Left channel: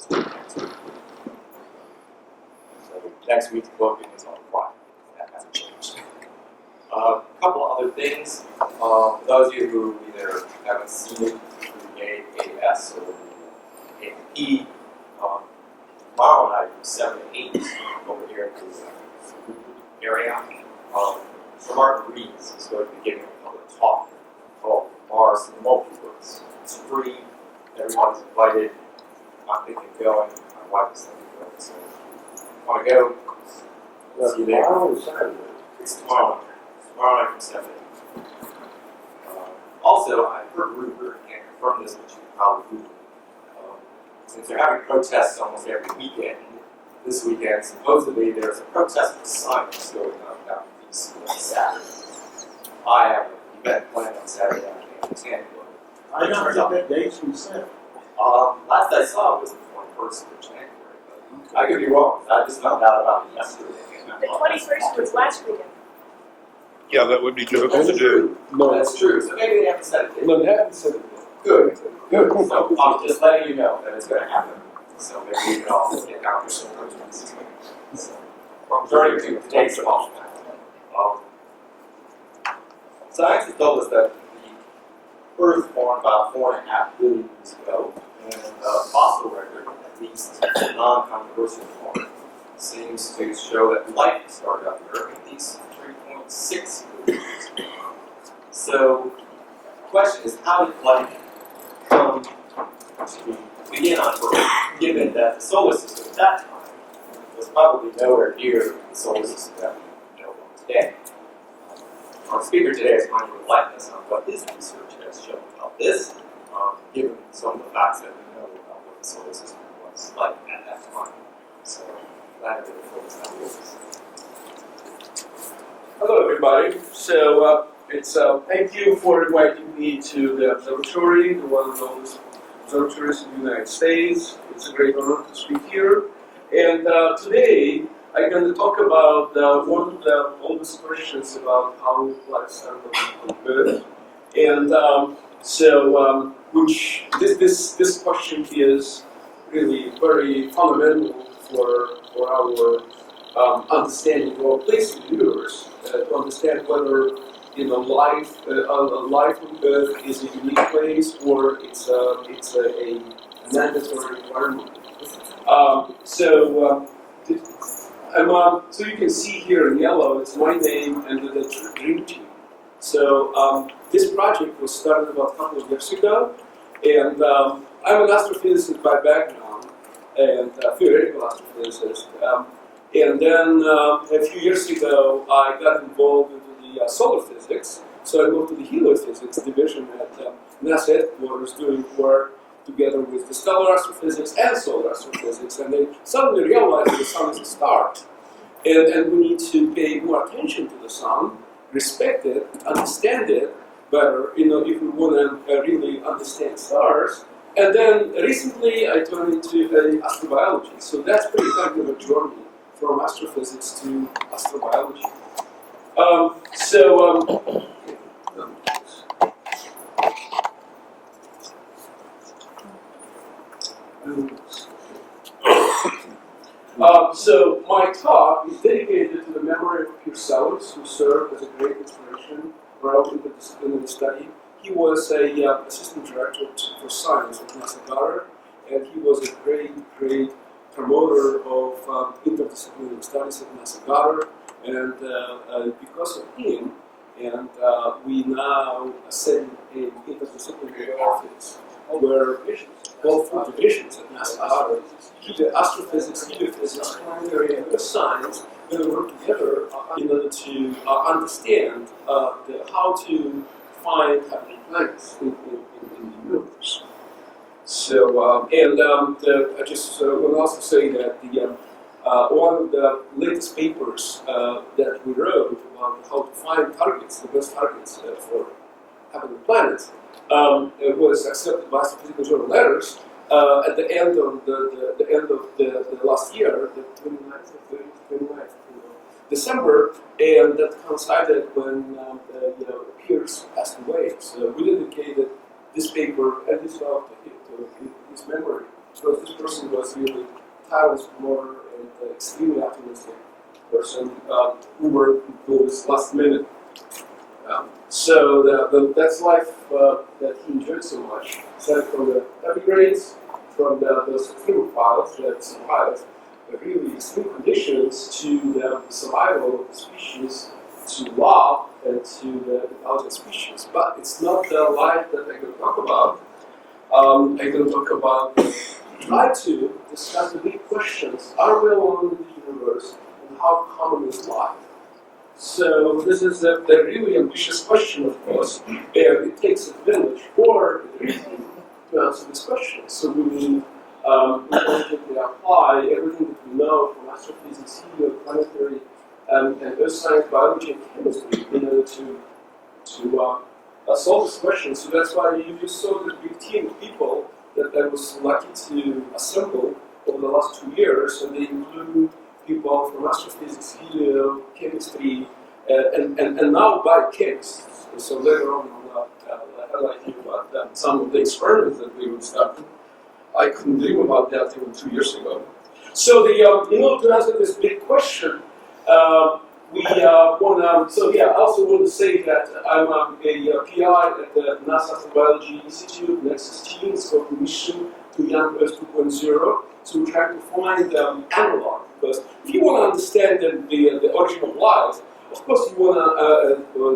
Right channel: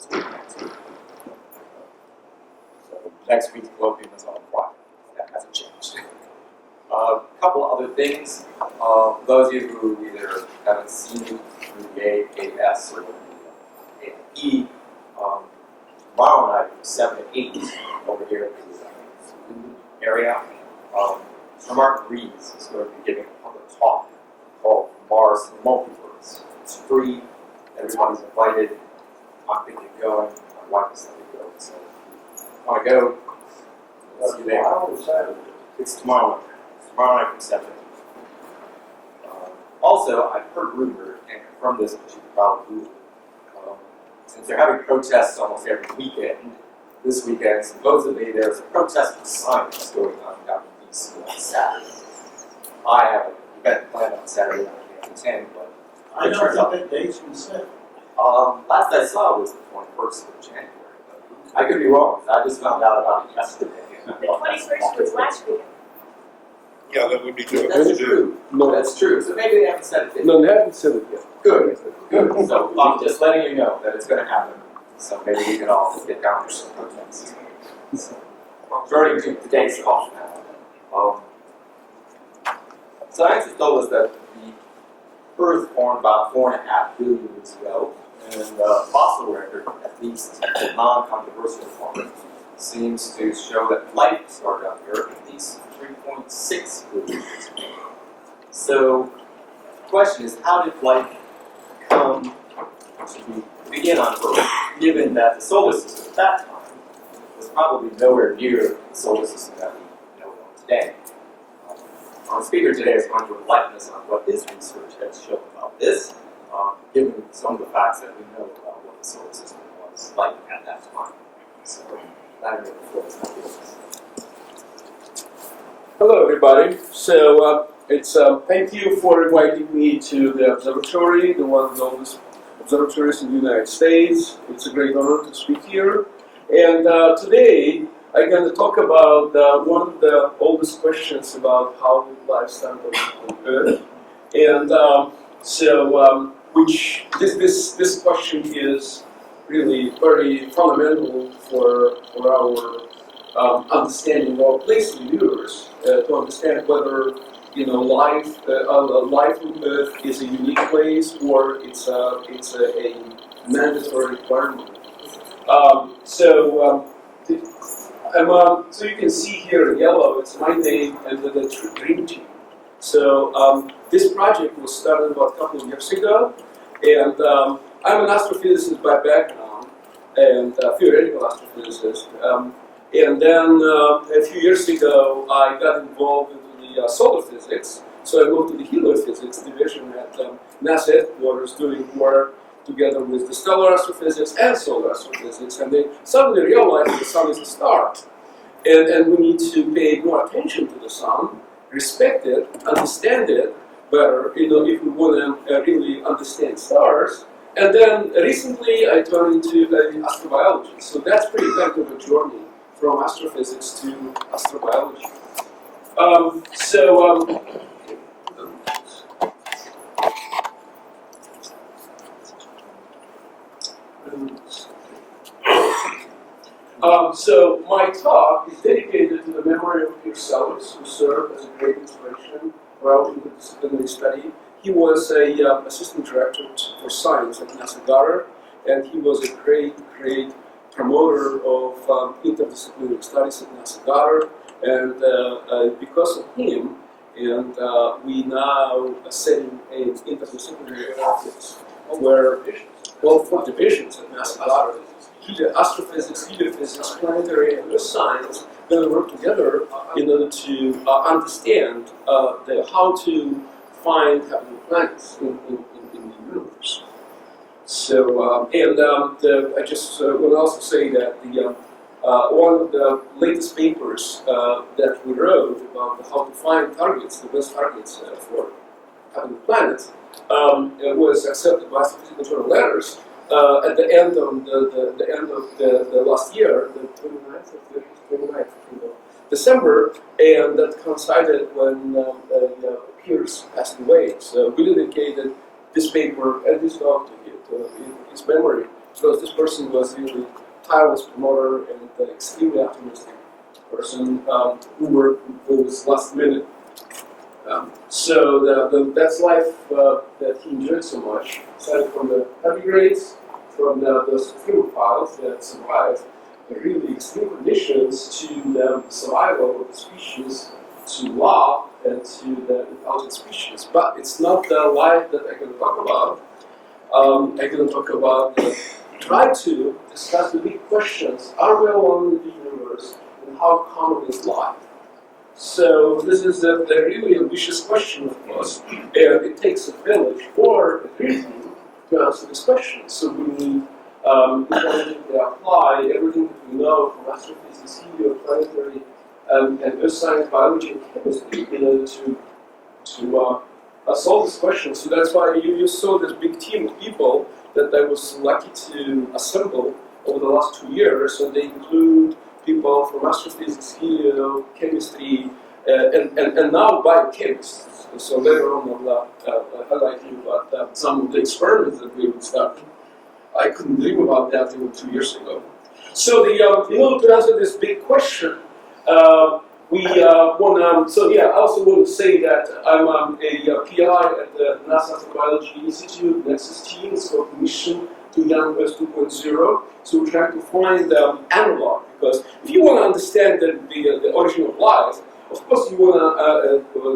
this week next week. So next week's colloquium is on Friday. That hasn't changed. A couple other things. For those of you who either haven't seen it through the AAS or the AMP, tomorrow night from 7 to 8 over here at the area, Sir Martin Rees is going to be giving a public talk called Mars and the Multiverse. It's free. Everybody's invited. I'm thinking of going. My wife is thinking of going. So if you want to go, see you there. Tomorrow or Saturday? It's tomorrow night. Tomorrow night from 7 to 8. Also, I've heard rumor, and confirmed this, but you can probably Google it. Since they're having protests almost every weekend, this weekend, supposedly there's a protest for science going on down in D.C. on Saturday. I have an event planned on Saturday I can't attend, but I know what that date's been set. last I saw was the 21st of January, but I could be wrong, because I just found out about it yesterday. The 21st was last weekend. Yeah, that would be difficult That's to do. true. No, That's true. So maybe they haven't said it yet. no, they haven't said it yet. Good. Good. So I'm just letting you know that it's going to happen. So maybe we can all get down there and protest. Turning to today's talk now. Science has told us that the Earth formed about 4.5 billion years ago, and fossil record, at least non-controversial one, seems to show that life started on the Earth at least 3.6 billion years ago. So the question is, how did life come to begin on Earth, given that the solar system at that time was probably nowhere near the solar system that we know of today? Our speaker today is going to enlighten us on what his research has shown about this, given some of the facts that we know about what the solar system was like at that time. So, Vladimir, the floor is now yours. Hello, everybody. So, thank you for inviting me to the observatory, the one of the oldest observatories in the United States. It's a great honor to speak here. And today, I'm going to talk about one of the oldest questions about how life started on Earth. And which this question is really very fundamental for our understanding our place in the universe, to understand whether life on Earth is a unique place or it's a mandatory requirement. So you can see here in yellow, it's my name and the dream team. So this project was started about a couple of years ago, and I'm an astrophysicist by background and a theoretical astrophysicist. And then a few years ago, I got involved into the solar physics. So I moved to the heliophysics division at NASA headquarters, doing work together with the stellar astrophysics and solar astrophysics, and they suddenly realized that the sun is a star. And we need to pay more attention to the sun, respect it, understand it better, if we want to really understand stars. And then recently I turned into astrobiology. So that's pretty kind of a journey from astrophysics to astrobiology. So my talk is dedicated to the memory of Pierre Sellers, who served as a great inspiration for our interdisciplinary study. He was a assistant director for science at NASA Goddard, and he was a great promoter of interdisciplinary studies at NASA Goddard. And because of him, and we now are setting an interdisciplinary office where four divisions at NASA Goddard, astrophysics, heliophysics, planetary and earth science, going to work together in order to understand how to find habitable planets in the universe. So, I just want to also say that one of the latest papers that we wrote about how to find targets, the best targets for habitable planets, it was accepted by Astrophysical Journal Letters at the end of the last year, the 29th or 29th of December, and that coincided when Pierce passed away. So we dedicated this paper and this talk to his memory. because this person was really tireless promoter and extremely optimistic person who worked those last minute. So that's life that he enjoyed so much. Started from the heavy grades, from those thermophiles that survived really extreme conditions to the survival of the species, to love and to the intelligent species. But it's not the life that I'm going to talk about. I'm going to talk about try to discuss the big questions. Are we alone in the universe? And how common is life? So this is a really ambitious question, of course, and it takes a village or a region to answer this question. So we need intelligently apply everything that we know from astrophysics, helioplanetary, and earth science, biology, and chemistry in order to solve this question. So that's why you saw this big team of people that I was lucky to assemble over the last 2 years, and they include people from astrophysics, helio, chemistry, and now biochemists. So later on I'll highlight you about some of the experiments that we would start. I couldn't dream about that even 2 years ago. So in order to answer this big question, we want to, I also want to say that I'm a PI at the NASA Astrobiology Institute Nexus team. It's called Mission to Young Earth 2.0. So we're trying to find analog, because if you want to understand the origin of life, of course you want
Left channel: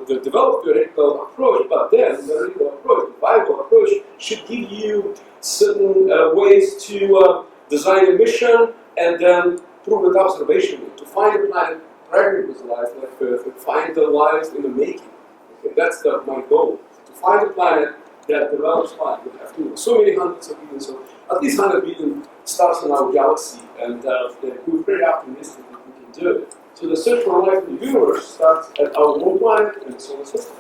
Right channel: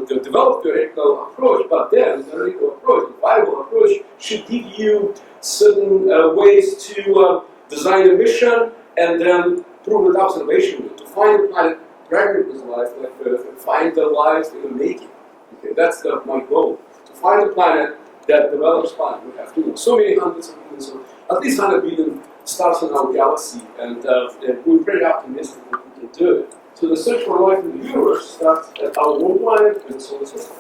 to develop theoretical approach, but then the theoretical approach, the viable approach, should give you certain ways to design a mission and then prove it observationally, to find a planet pregnant with life like Earth and find the life in the making. Okay, that's my goal, to find a planet that develops life. We have so many hundreds of billions, of, at least 100 billion stars in our galaxy, and we're pretty optimistic that we can do it. So the search for life in the universe starts at our own planet and the solar system.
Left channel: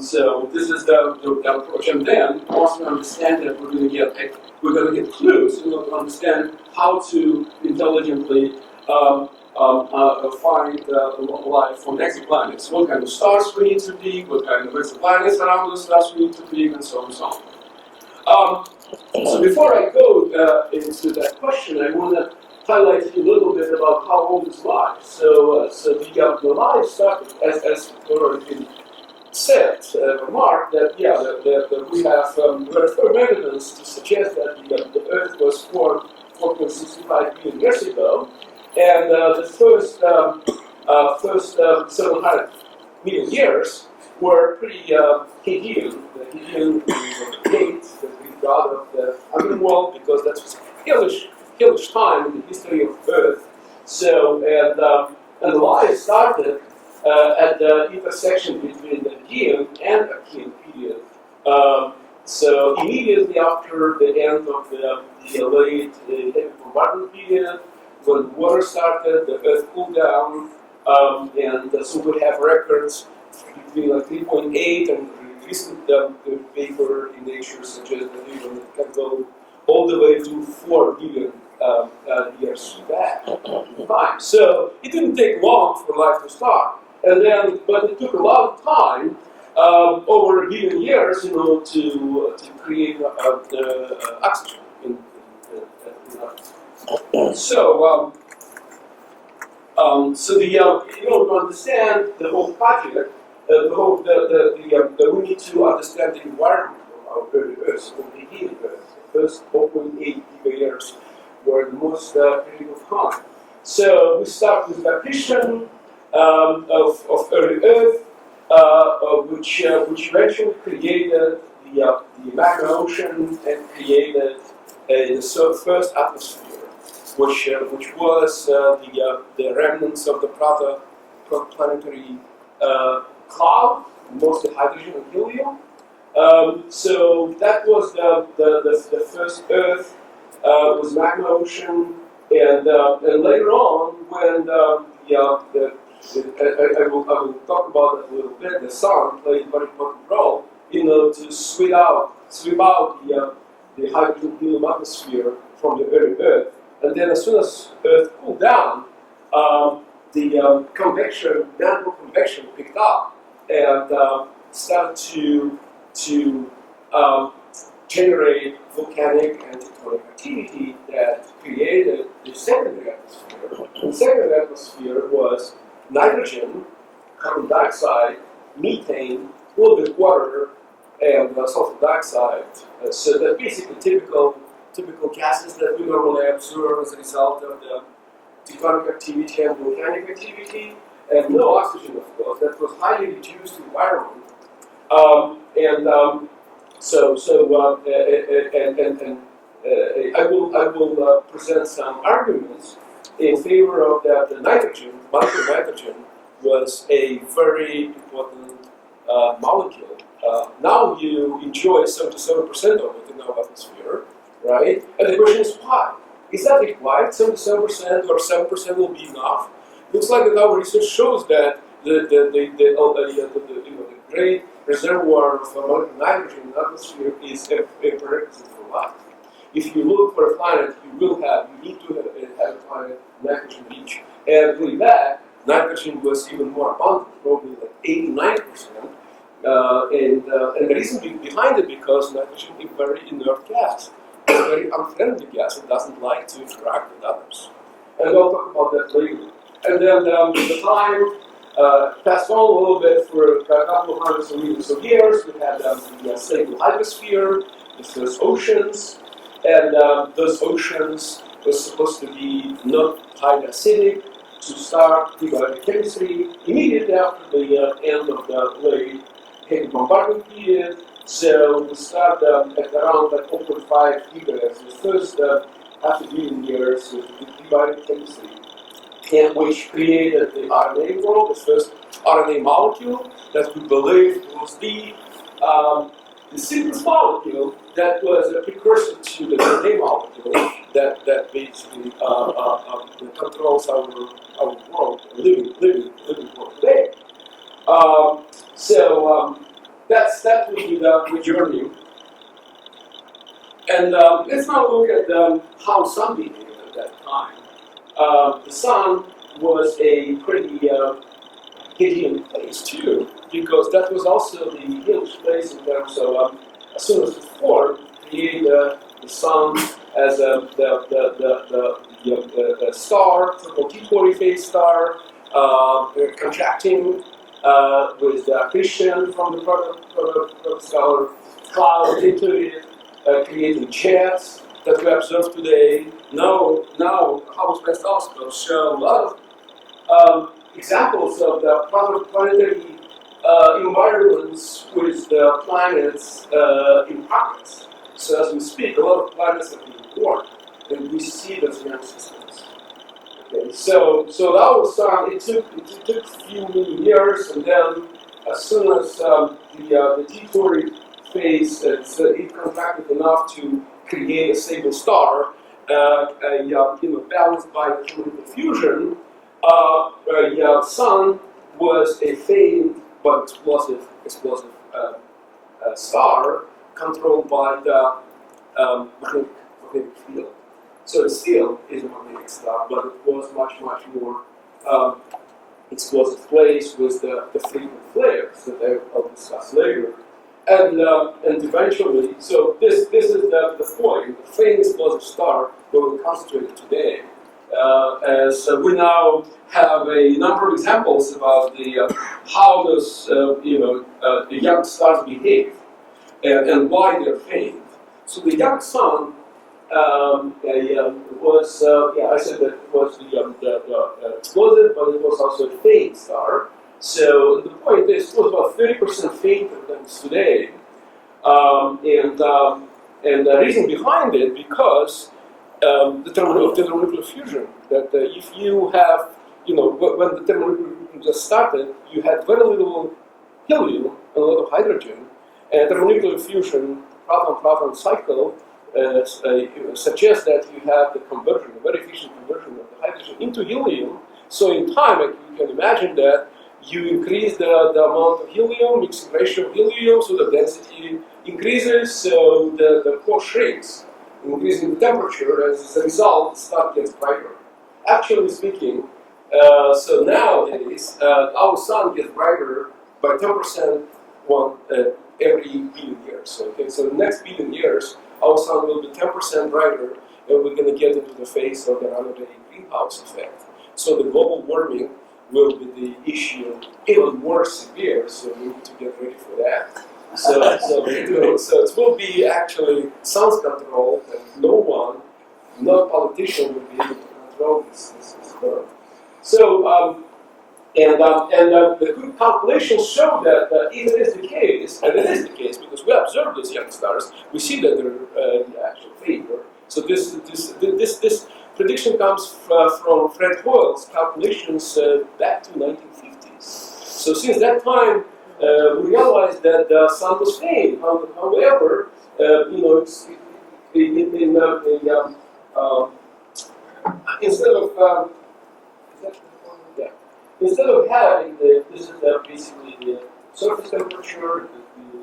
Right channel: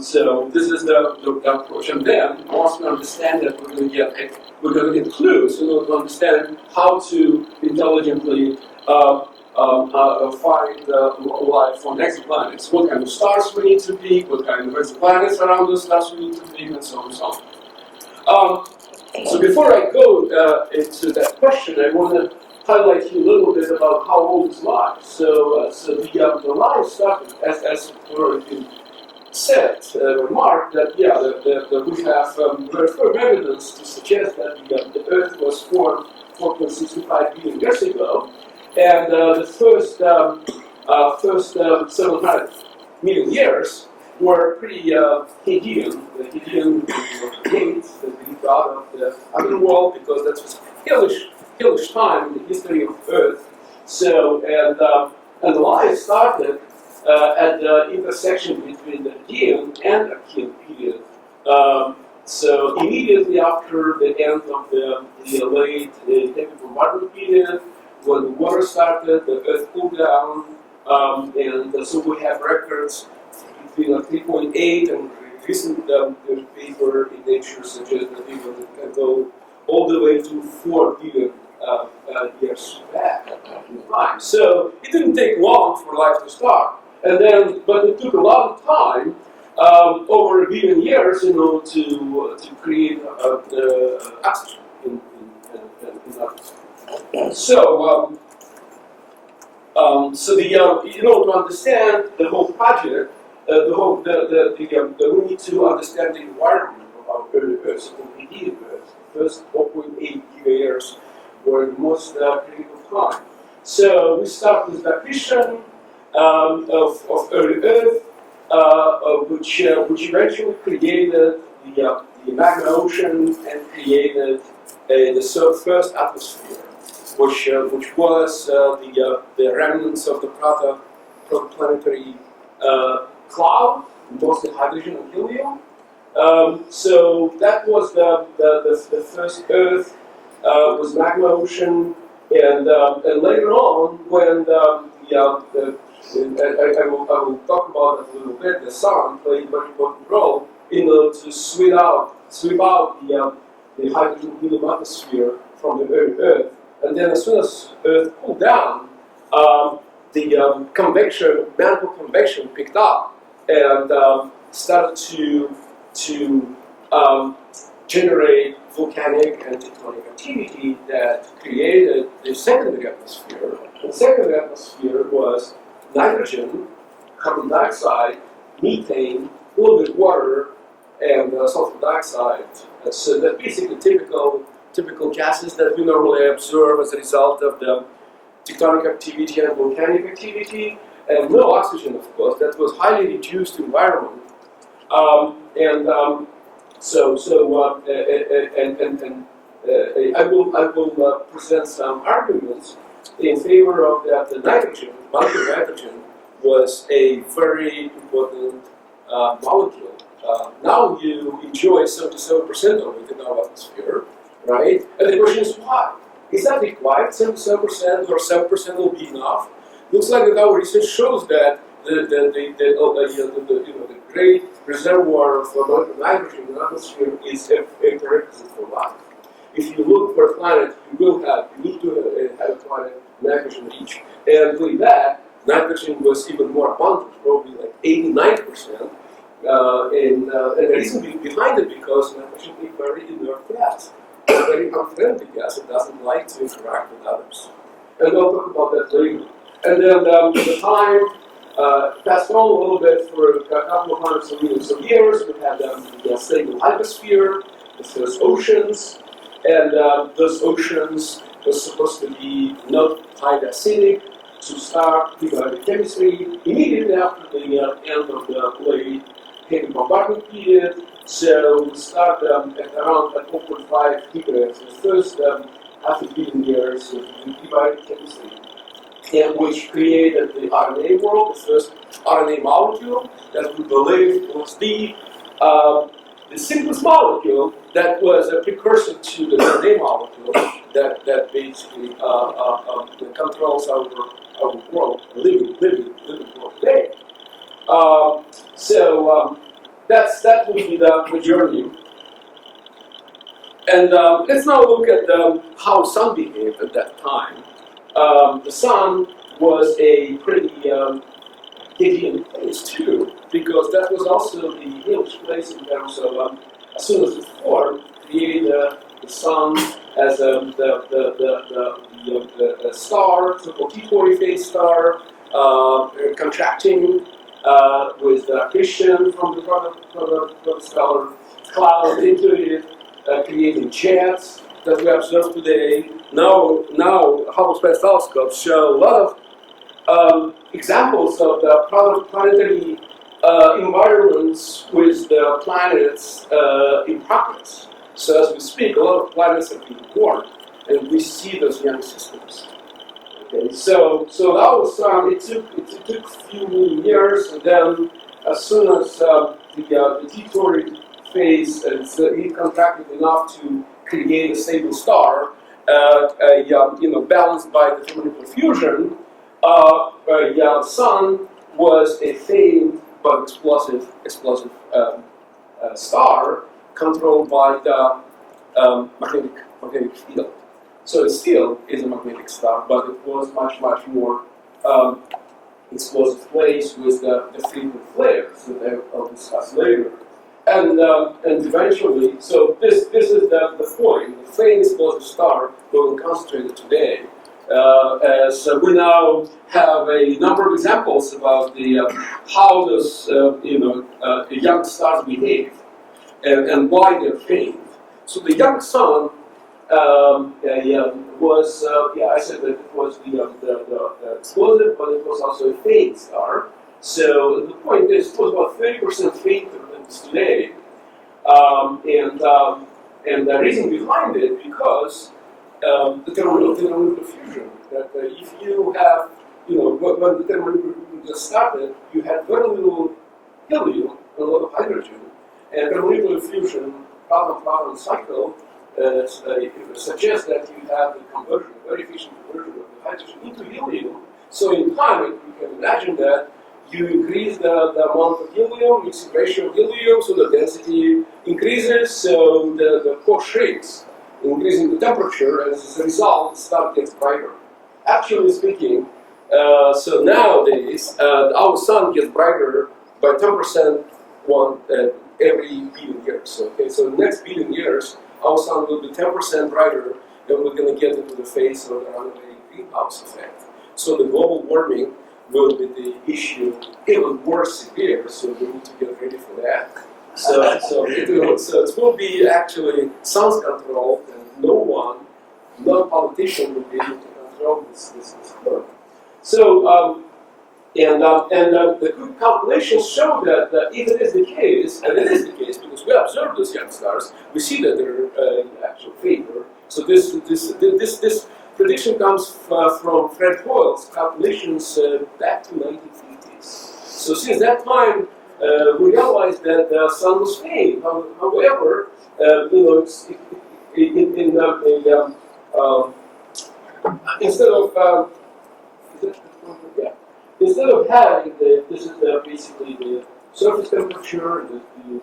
So this is the approach, and then once we understand that, we're going to get clues in order to understand how to intelligently find life on exoplanets. What kind of stars we need to pick, what kind of exoplanets around those stars we need to pick, and so on and so on. So before I go into that question, I want to highlight you a little bit about how old is life. So the life started, as already been said, remarked that that we have very firm evidence to suggest that the Earth was formed 4.65 billion years ago, and the first 700 million years were pretty Hadean. The Hadean hate, the Greek god of the underworld, because that was hellish time in the history of Earth. So and life started at the intersection between the Hadean and Archean period. So immediately after the end of the late heavy bombardment period, when the water started, the Earth cooled down, and so we have records between 3.8 and recent paper in Nature suggests that it can go all the way to 4 billion years back in time. So it didn't take long for life to start, but it took a long time, over 1 billion years, to create oxygen in the atmosphere. So to understand the whole project, we need to understand the environment of our early Earth, so the Hadean Earth. The first 4.8 gigayears were the most critical time. So we start with the accretion of early Earth, which eventually created the magma ocean and created the first atmosphere, which was the remnants of the protoplanetary cloud, mostly hydrogen and helium. So that was the first Earth, was magma ocean, and later on, when I will talk about that a little bit, the sun played a very important role to sweep out the hydrogen helium atmosphere from the early Earth. And then as soon as Earth cooled down, the mantle convection picked up and started to generate volcanic and tectonic activity that created the secondary atmosphere. And the secondary atmosphere was nitrogen, carbon dioxide, methane, a little bit water, and sulfur dioxide. So that's basically typical gases that we normally observe as a result of the tectonic activity and volcanic activity. And no oxygen, of course. That was highly reduced environment. I will present some arguments in favor of that. The nitrogen, molecular nitrogen, was a very important molecule. Now you enjoy 77% of it in our atmosphere, right? And the question is why? Is that required? 77% or 7% will be enough? Looks like that our research shows that the great reservoir of molecular nitrogen in the atmosphere is a prerequisite for life. If you look for a planet, you need to have a planet nitrogen rich. And with that, nitrogen was even more abundant, probably like 89%. And the reason behind it because nitrogen is a very inert gas. It's a very unfriendly gas. It doesn't like to interact with others. And I'll talk about that later. And then the time passed on a little bit for a couple of hundreds of millions of years. We had the stable hyposphere, the first oceans, and those oceans were supposed to be not highly acidic to start prebiotic chemistry immediately after the end of the late heavy bombardment period. So we start at around like 0.5 gigahertz, the first half a billion years of the prebiotic chemistry, and which created the RNA world, the first RNA molecule that we believe was the simplest molecule that was a precursor to the DNA molecule that basically controls our world, living world today. That will be the journey. And let's now look at how sun behaved at that time. The sun was a pretty Hadean place too, because that was also the hellish place in terms of as soon as it formed, create the sun as a star, so-called T40 phase star, contracting with accretion from the protostar cloud into it, creating jets that we observe today. Now Hubble Space Telescopes show a lot of examples of the planetary environments with the planets in progress. So as we speak, a lot of planets have been born, and we see those young systems. Okay, so our sun, it took a few million years, and then as soon as the T40 phase, it contracted enough to create a stable star, balanced by the thermonuclear fusion, sun was a faint but explosive star controlled by the magnetic field. So it still is a magnetic star, but it was much more explosive place with the frequent flares that I'll discuss later. And eventually, so this is the point, the faint explosive star that we'll concentrate today. As we now have a number of examples about how those young stars behave and why they're faint. So the young sun was I said that it was the explosive, but it was also a faint star. So the point is, it was about 30% fainter than it's today, and the reason behind it because the thermonuclear fusion. That if you have, when the thermonuclear fusion just started, you had very little helium and a lot of hydrogen, and thermonuclear fusion proton-proton cycle suggests that you have the conversion, a very efficient conversion of the hydrogen into helium. So in time, you can imagine that you increase the amount of helium, mixing ratio of helium, so the density increases, so the core shrinks, increasing the temperature, and as a result, the star gets brighter. Actually speaking, so nowadays, our sun gets brighter by 10% every billion years. Okay, so the next billion years, our sun will be 10% brighter, and we're going to get into the phase of the runaway greenhouse effect. So the global warming will be the issue even more severe. So we need to get ready for that. So it will be actually sun's control, and no one, not politician, will be able to control this curve. So. The quick calculations show that if it is the case, and it is the case because we observe those young stars, we see that they're actual favor. So this prediction comes from Fred Hoyle's calculations back to 1950s. So since that time, we realized that the sun was faint. However, instead of instead of having this is basically the surface temperature, the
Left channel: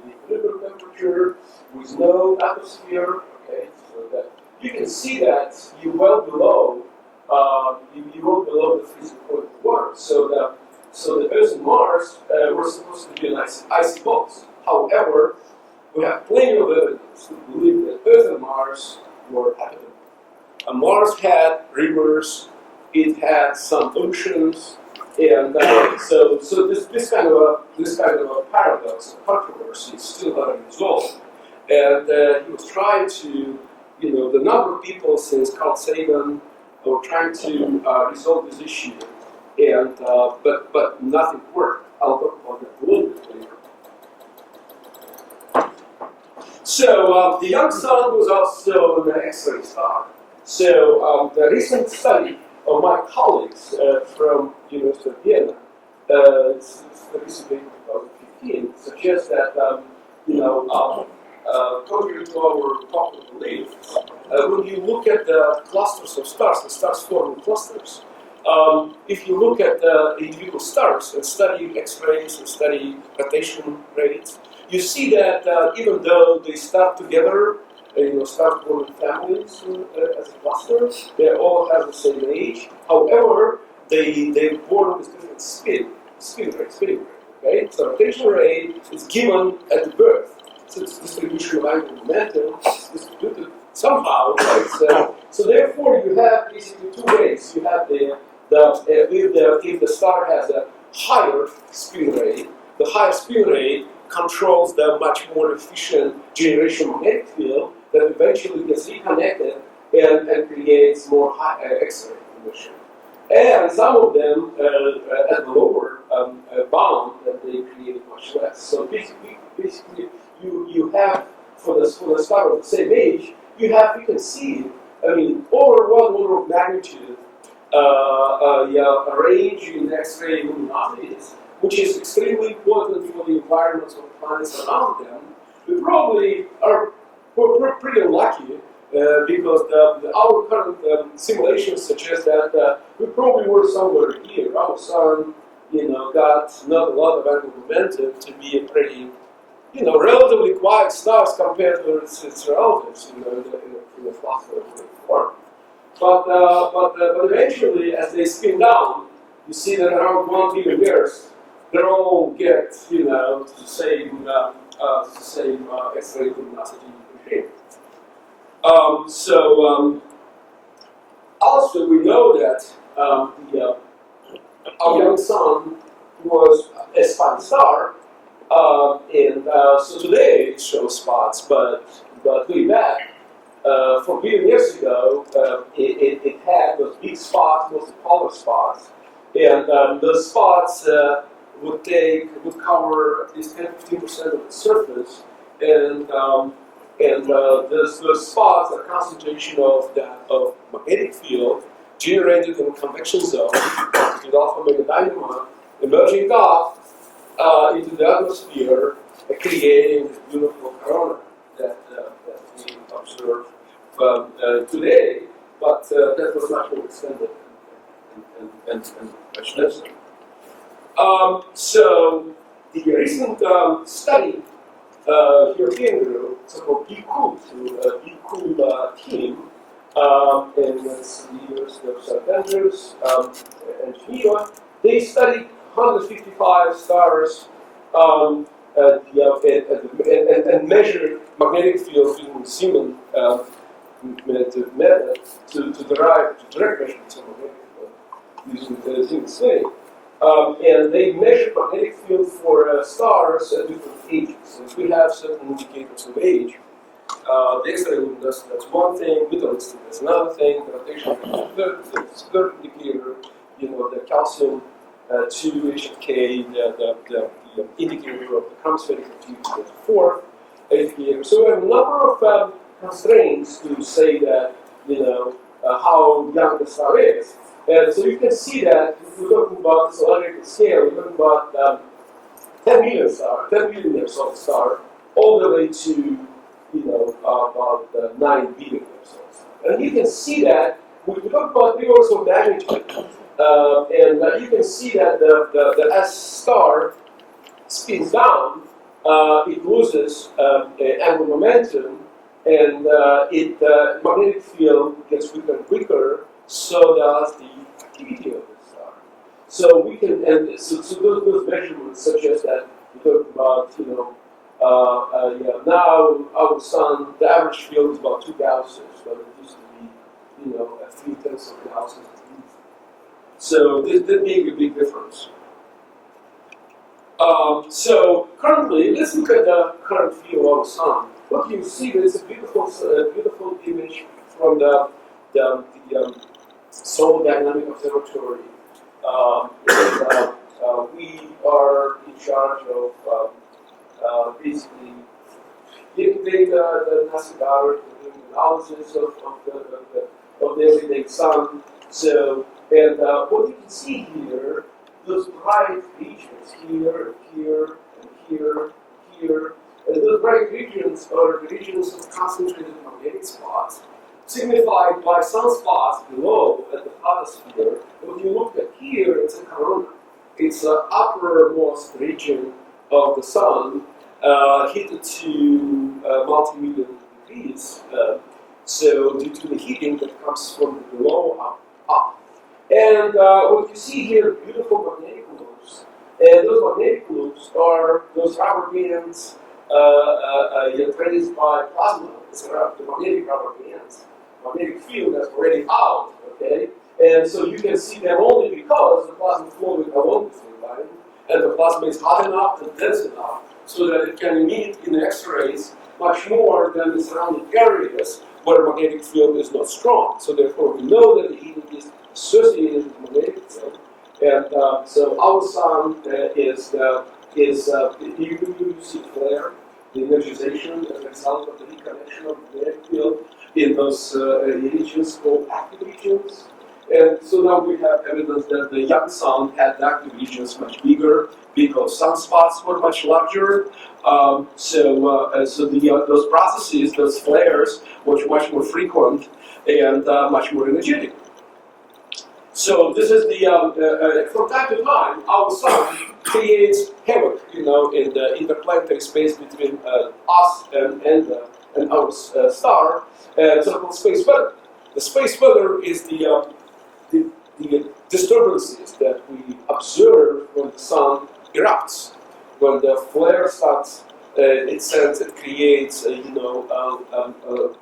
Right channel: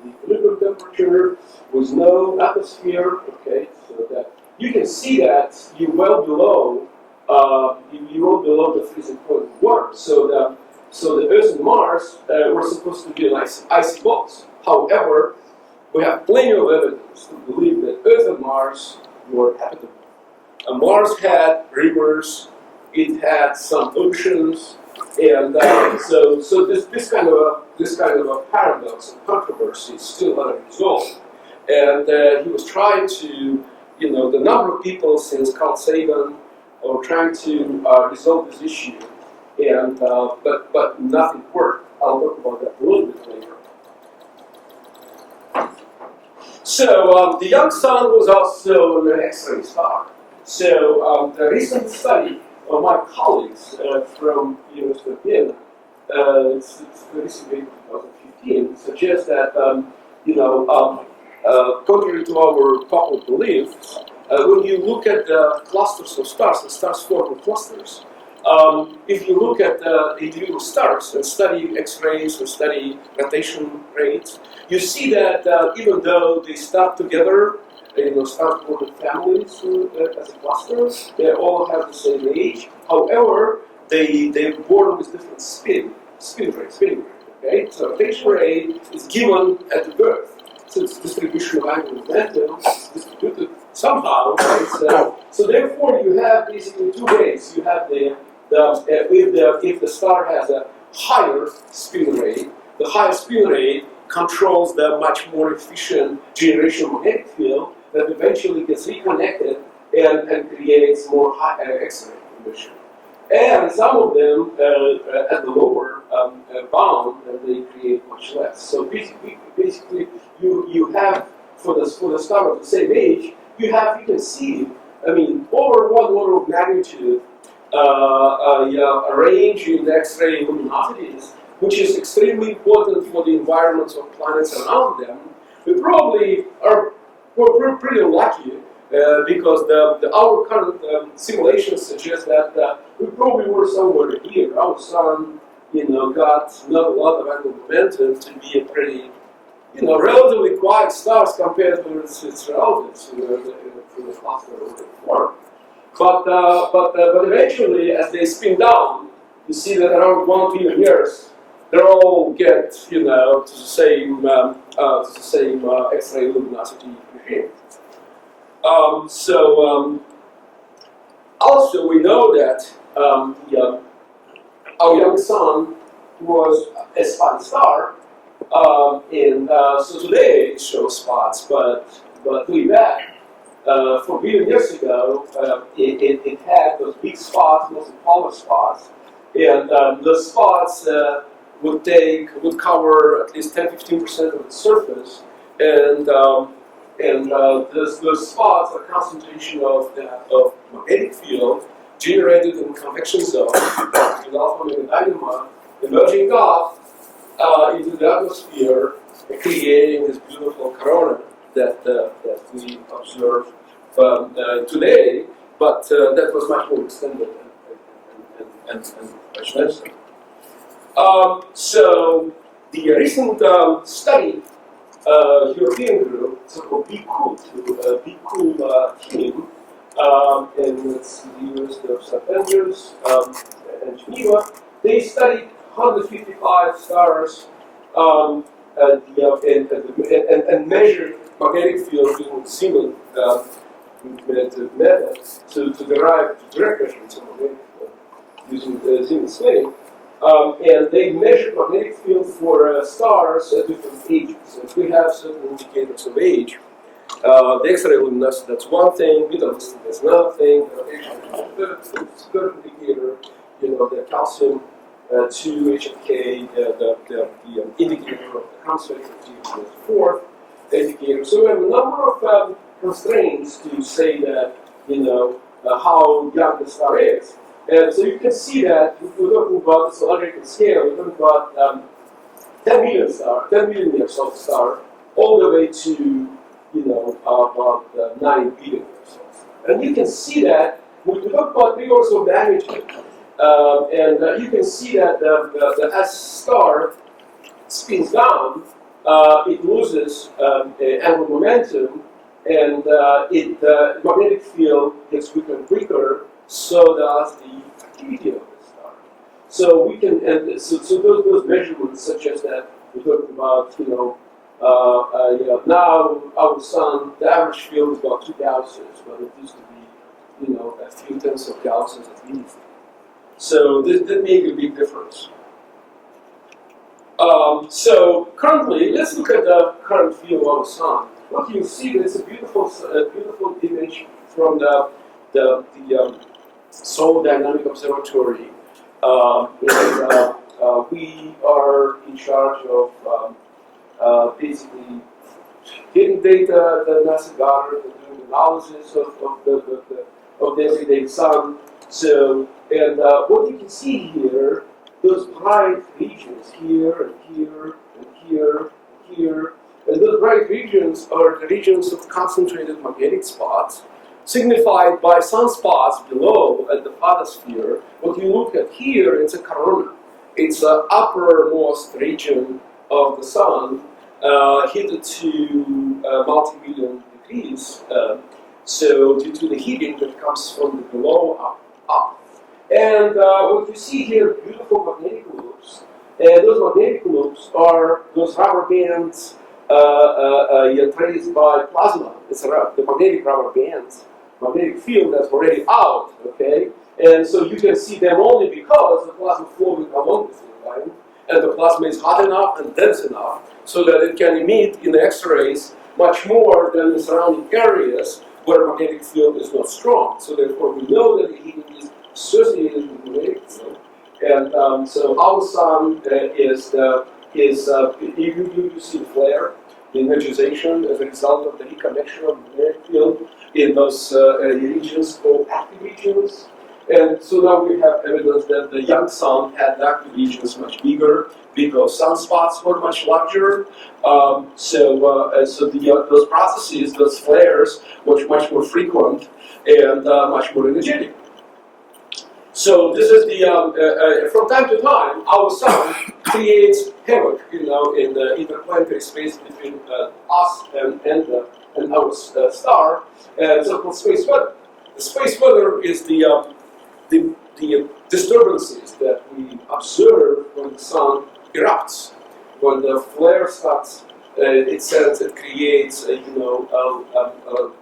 equilibrium temperature with no atmosphere. Okay, so that you can see that you're well below the freezing point of water. So the Earth and Mars were supposed to be like icy balls. However, we have plenty of evidence to believe that Earth and Mars were habitable. Mars had rivers, it had some oceans. And so this kind of a paradox and controversy is still unresolved. And he was trying to, the number of people since Carl Sagan were trying to resolve this issue, and but nothing worked. I'll talk about that a little bit later. So the young sun was also an X-ray star. So the recent study of my colleagues from University of Vienna, it's the recent paper 2015, suggests that contrary to our popular belief, when you look at the clusters of stars, the stars form in clusters. If you look at individual stars and study X-rays and study rotation rates, you see that even though they start together, stars born in families as a cluster. They all have the same age. However, they're born with different spinning rate. Okay, so rotation rate is given at the birth. So it's distribution of angular momentum is distributed somehow. Right? So therefore, you have basically two ways. You have if the star has a higher spin rate, the higher spin rate controls the much more efficient generation magnetic field that eventually gets reconnected and creates more X-ray emission. And some of them at the lower bound, and they create much less. So basically you have for the star of the same age, you can see, over 1 order of magnitude a range in X-ray luminosities, which is extremely important for the environments of planets around them. We probably we're pretty lucky because our current simulations suggest that we probably were somewhere here. Our sun, got not a lot of angular momentum to be a pretty, relatively quiet stars compared to its relatives in the cluster form. But eventually, as they spin down, you see that around 1 billion years, they all get to the same X-ray luminosity regime. Also we know that our young sun was a spotted star, and so today it shows spots, but way back 4 billion years ago, it had those big spots, mostly polar spots, and those spots would cover at least 10-15% of the surface, and those spots are concentration of magnetic field generated in the convection zone with alpha megadynamo emerging up into the atmosphere, creating this beautiful corona that we observe today, but that was much more extended and much less. So the recent study, European group, so-called BCOOL team, and it's the University of St. Andrews and Geneva, they studied 155 stars and measure magnetic field using Zeeman method to derive direct measurements of magnetic field using Zeeman's thing. And they measure magnetic field for stars at different ages. Since we have certain indicators of age, the X-ray luminosity, that's one thing, metallicity, that's another thing, the rotation rate, the third indicator, the calcium 2 HFK, the indicator of the chromospheric activity, the fourth indicator. So we have a number of constraints to say that, how young the star is. And so you can see that we're talking about this logarithmic scale, we're talking about 10 million years old star, all the way to, about 9 billion years old star. And you can see that, we talk about 3 orders of magnitude, and you can see that as star spins down, it loses angular momentum, and magnetic field gets weaker and weaker, so does the activity of the star. So we can, and so those measurements suggest that we're talking about, now our sun, the average field is about 2 Gausses, but it used to be, a few tenths of Gausses at least. So that makes a big difference. So currently, let's look at the current view of our sun. What you see is a beautiful image from the Solar Dynamic Observatory. We are in charge of basically getting data that NASA gathered and doing analysis of the everyday sun. So, and what you can see here, those bright regions here and here and here and here, and those bright regions are the regions of concentrated magnetic spots, signified by sunspots below at the photosphere. What you look at here is a corona. It's the uppermost region of the sun, heated to multi-million degrees. So due to the heating that comes from the below up. And what you see here, beautiful magnetic loops. And those magnetic loops are those rubber bands traced by plasma. It's the magnetic rubber bands, magnetic field that's already out, okay? And so you can see them only because the plasma flowing along the field line, and the plasma is hot enough and dense enough so that it can emit in the X-rays much more than the surrounding areas where magnetic field is not strong. So therefore we know that the heating is associated with the magnetic field. And so our sun you see the flare, the energization as a result of the reconnection of the magnetic field in those regions called active regions. And so now we have evidence that the young sun had the active regions much bigger because sunspots were much larger. Those processes, those flares, were much more frequent and much more energetic. So this is the, from time to time, our sun creates havoc, in the interplanetary space between us and our star, so-called space weather. The space weather is the disturbances that we observe when the sun erupts. When the flare starts, it creates a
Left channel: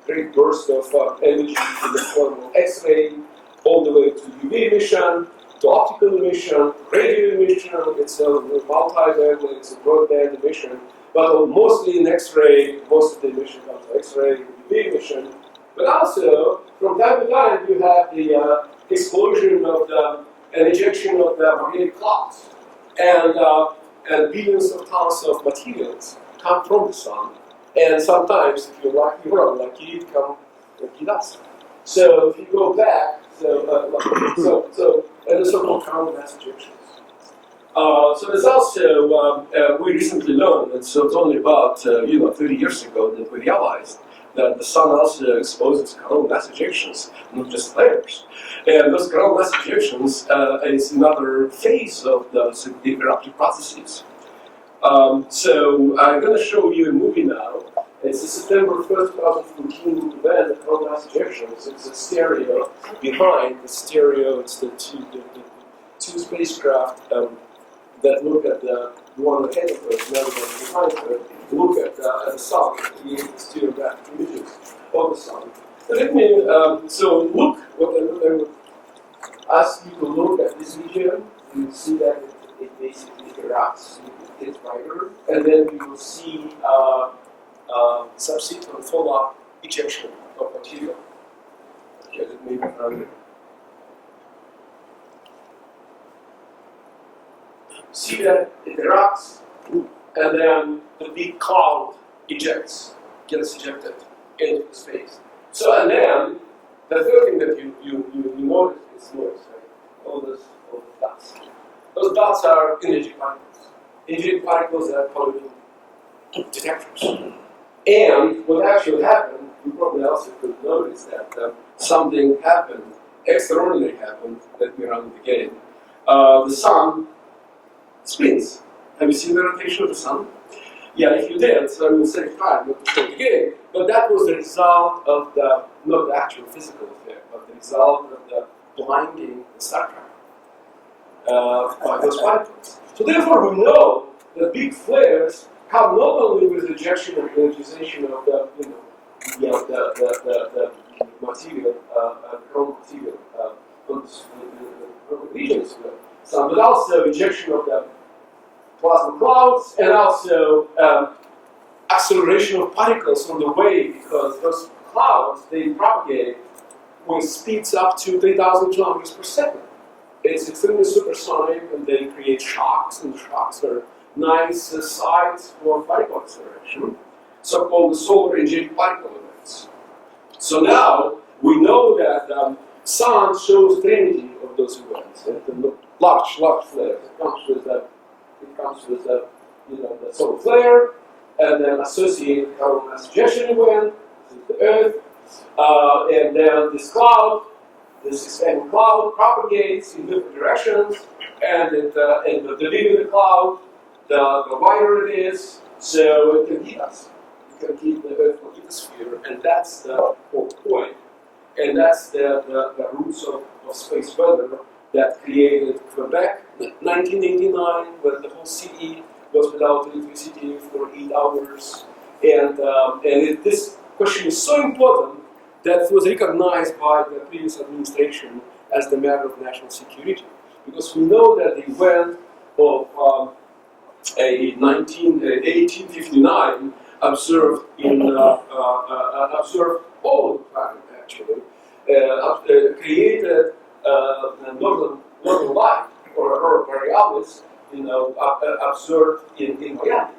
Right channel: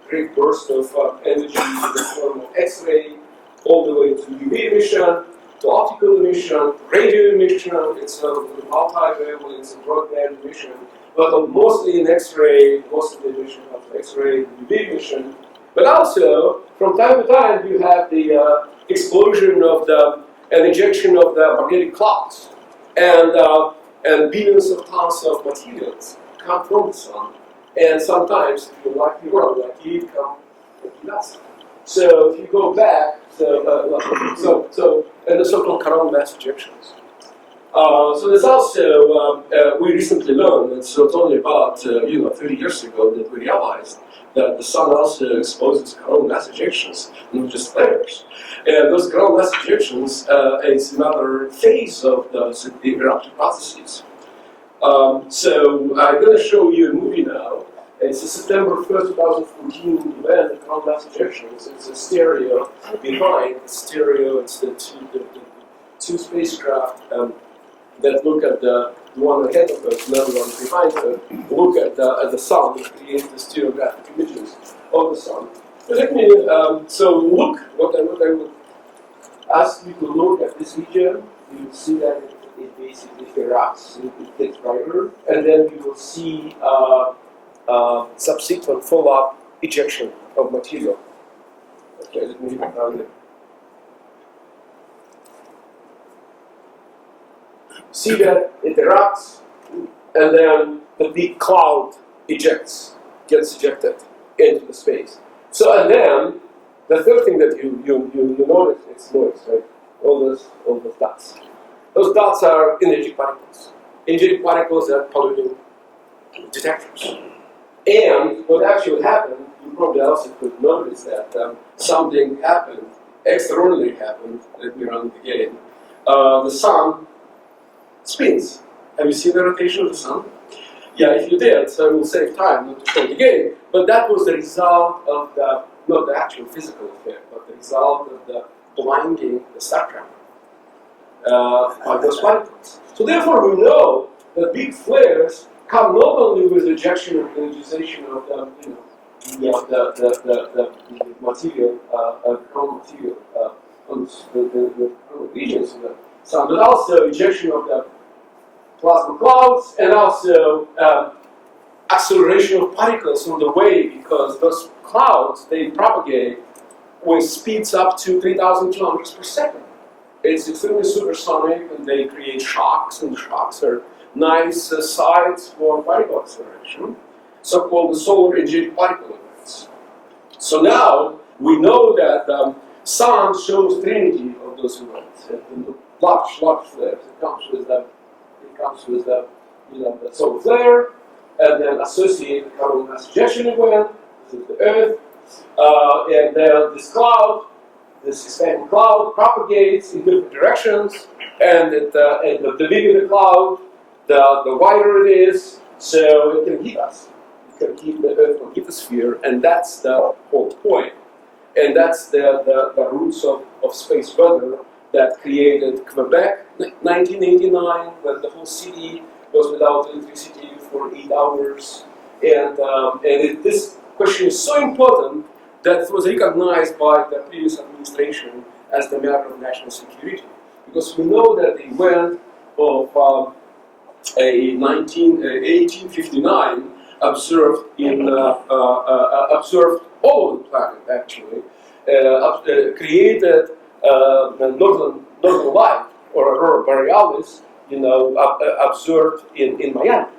great burst of energy in the form of X-ray, all the way to UV emission, to optical emission, radio emission. It's a multi-wavelength, it's a broadband emission, but mostly in X-ray. Most of the emission comes from X-ray, UV emission. But also, from time to time, you have the explosion of an injection of the magnetic clouds, and billions of tons of materials come from the sun. And sometimes, if you're lucky or unlucky, it come and hit us. So if you go back, and the so-called coronal mass ejections. So there's also, we recently learned, and so it's only about 30 years ago that we realized that the sun also exposes coronal mass ejections, not just flares. And those coronal mass ejections is another phase of those eruptive processes. So I'm going to show you a movie now. It's a September 1st, 2014 event, the coronal mass ejections. It's a stereo behind the stereo. It's the two spacecraft that look at the the one ahead of Earth, another one behind Earth, look at the sun and create the stereographic images of the sun. But let me, so look, what I would ask you to look at this region, you will see that it basically erupts, it gets brighter, and then you will see subsequent follow-up ejection of material. Okay, let me see that it erupts, and then the big cloud gets ejected into the space. So, and then the third thing that you notice is noise, right? All those dots. Those dots are energetic particles. Energetic particles that are polluting detectors. And what actually happened, you probably also could notice that something happened, extraordinary happened. Let me run it again. The sun spins. Have you seen the rotation of the sun? Yeah, if you did, so I will save time not to show it again. But that was the result of the, not the actual physical effect, but the result of the blinding the star tracker by those particles. So therefore we know that big flares come not only with ejection and energization of the, the material, the chromal material on the chromal regions of the sun, but also ejection of the plasma clouds, and also acceleration of particles on the way, because those clouds, they propagate with speeds up to 3,000 kilometers per second. It's extremely supersonic, and they create shocks, and the shocks are nice sites for particle acceleration, so-called solar energetic particle events. So now we know that sun shows trinity of those events. The large flares. It comes with the solar flare, and then associated coronal mass ejection event. This is the Earth, and then this cloud, this expanding cloud, propagates in different directions, and the bigger the cloud, the wider it is, so it can heat us. It can heat the Earth from lithosphere, and that's the whole point. And that's the roots of space weather that created Quebec, 1989, when the whole city was without electricity for 8 hours. And this question is so important that it was recognized by the previous administration as the matter of national security. Because we know that the event of 1859 observed observed all over the planet, actually, created northern light, or aurora borealis, observed in Miami,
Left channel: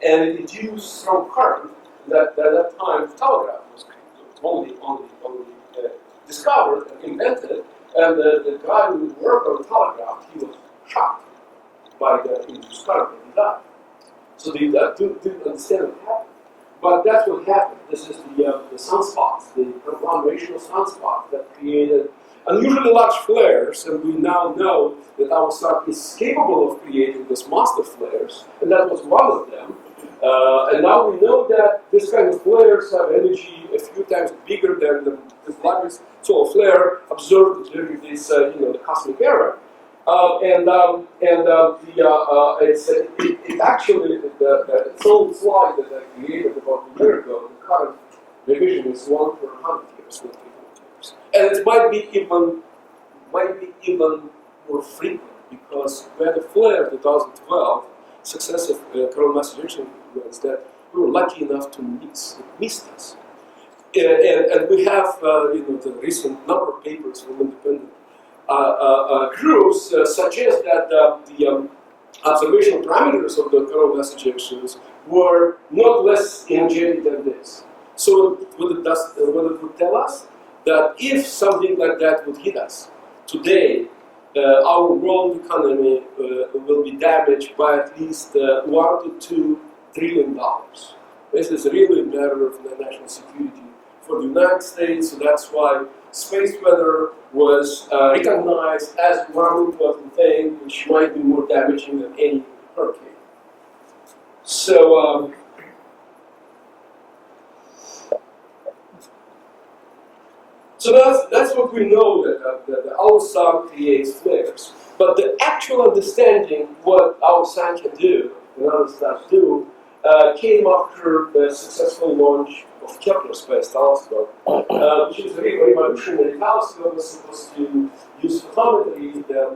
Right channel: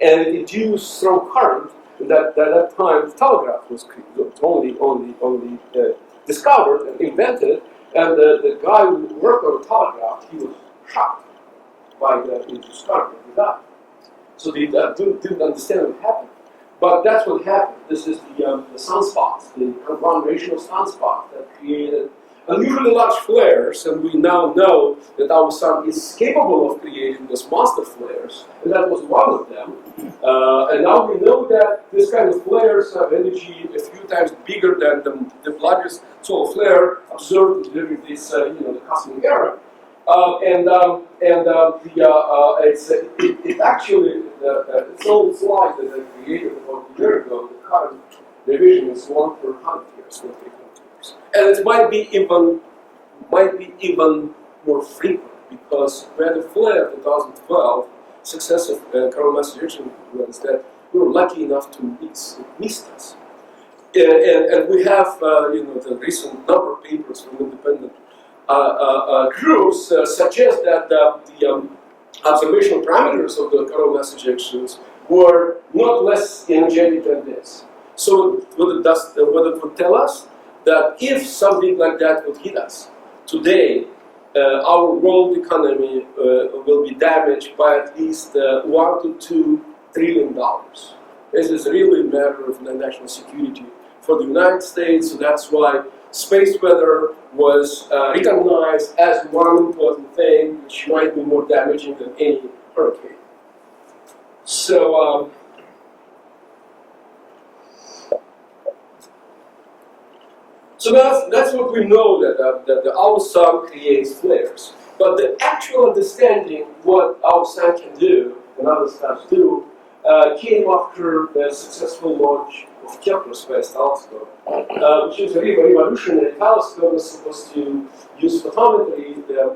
and it induced strong current. That at that time, telegraph was only discovered and invented, and the guy who worked on the telegraph, he was shocked by the induced current, and he died. So they didn't understand what happened. But that's what happened. This is the sunspots, the conglomeration of sunspots that created unusually large flares, and we now know that our sun is capable of creating those monster flares, and that was one of them. And now we know that this kind of flares have energy a few times bigger than the largest solar flare observed during this, the cosmic era. It's actually this old slide that I created about a year ago. The current division is 1 per 100 years, not 300 years, and it might be even more frequent, because we had a flare in 2012, successive coronal mass ejection events that we were lucky enough to miss. It missed us, and we have the recent number of papers from independent groups suggest that the observational parameters of the coronal mass ejections were not less energetic than this. So what it would tell us, that if something like that would hit us today, our world economy will be damaged by at least $1 to $2 trillion. This is really a matter of national security for the United States. So that's why space weather was recognized as one important thing which might be more damaging than any hurricane. So So that's what we know that our sun creates flares. But the actual understanding what our sun can do and other stars do came after the successful launch of Kepler's Space Telescope, which is a revolutionary telescope that's supposed to use photometry, the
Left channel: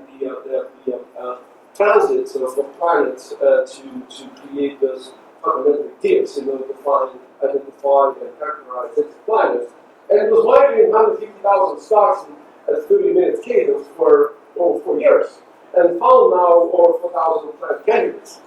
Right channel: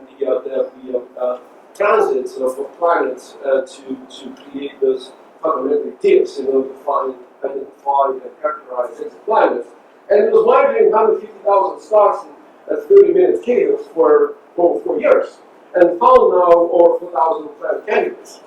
transits of planets to create those photometric tips in order to identify and characterize exoplanets. And it was monitoring 150,000 stars at 30-minute cadence for over 4 years, and found now over 4,000 planet candidates.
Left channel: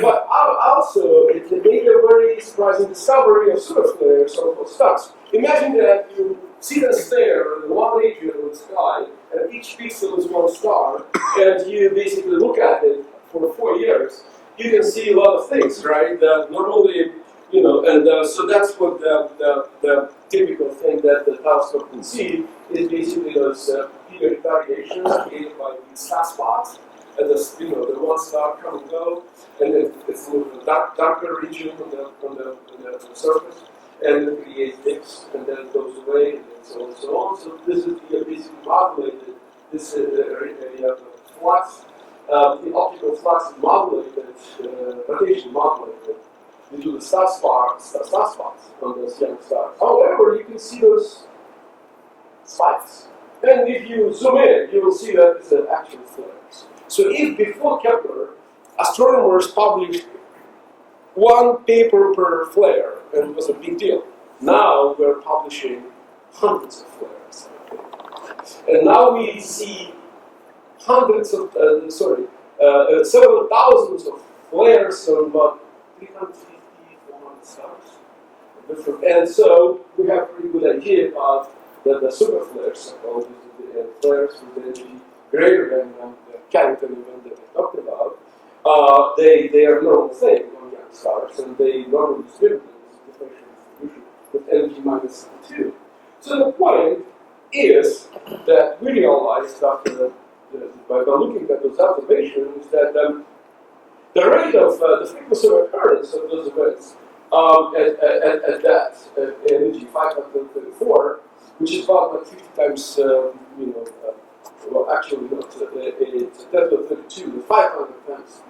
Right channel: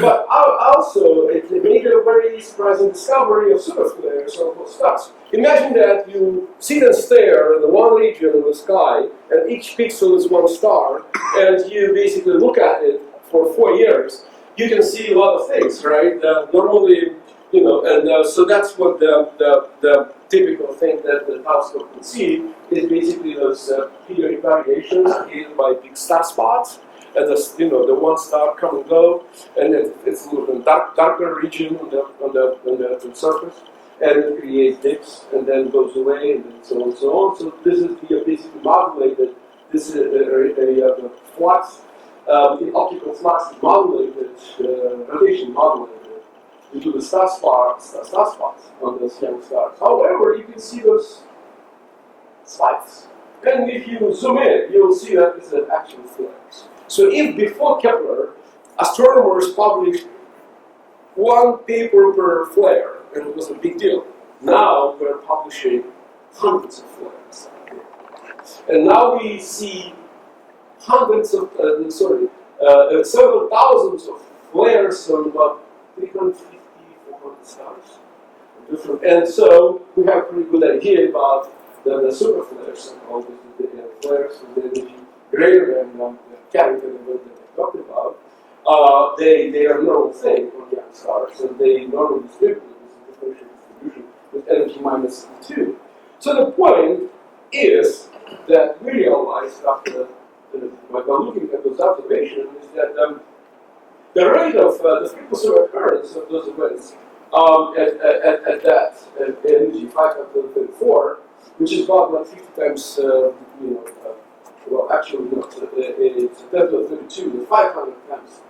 But also, it made a very surprising discovery of superflares of stars. Imagine that you sit and stare at the one region of the sky, and each pixel is one star, and you basically look at it for 4 years. You can see a lot of things, right? Not only, and so that's what the typical thing that the telescope can see is basically those periodic variations created by big star spots. And the one star come and go, and then it's a little bit darker region on the surface, and it creates dips, and then goes away, and then so on and so on. So this is basically modulated. This is a flux, the optical flux is modulated, rotation modulated due to the star spots on those young stars. However, you can see those spikes, and if you zoom in, you will see that it's actual flares. So if before Kepler, astronomers published one paper per flare, and it was a big deal, now we're publishing hundreds of flares. Okay? And now we see several thousands of flares on about 350, 400 stars. And so we have a pretty good idea about the super flares, so-called the flares with the energy greater than the Carrington event that I talked about. They are a normal thing on young stars, and they normally distribute it as a differential distribution with energy minus 2. So the point is that we realized after by looking at those observations is that the rate of the frequency of occurrence of those events at that energy 534, which is about like 50 times, well, actually not. It's 10 to the 32, 500 times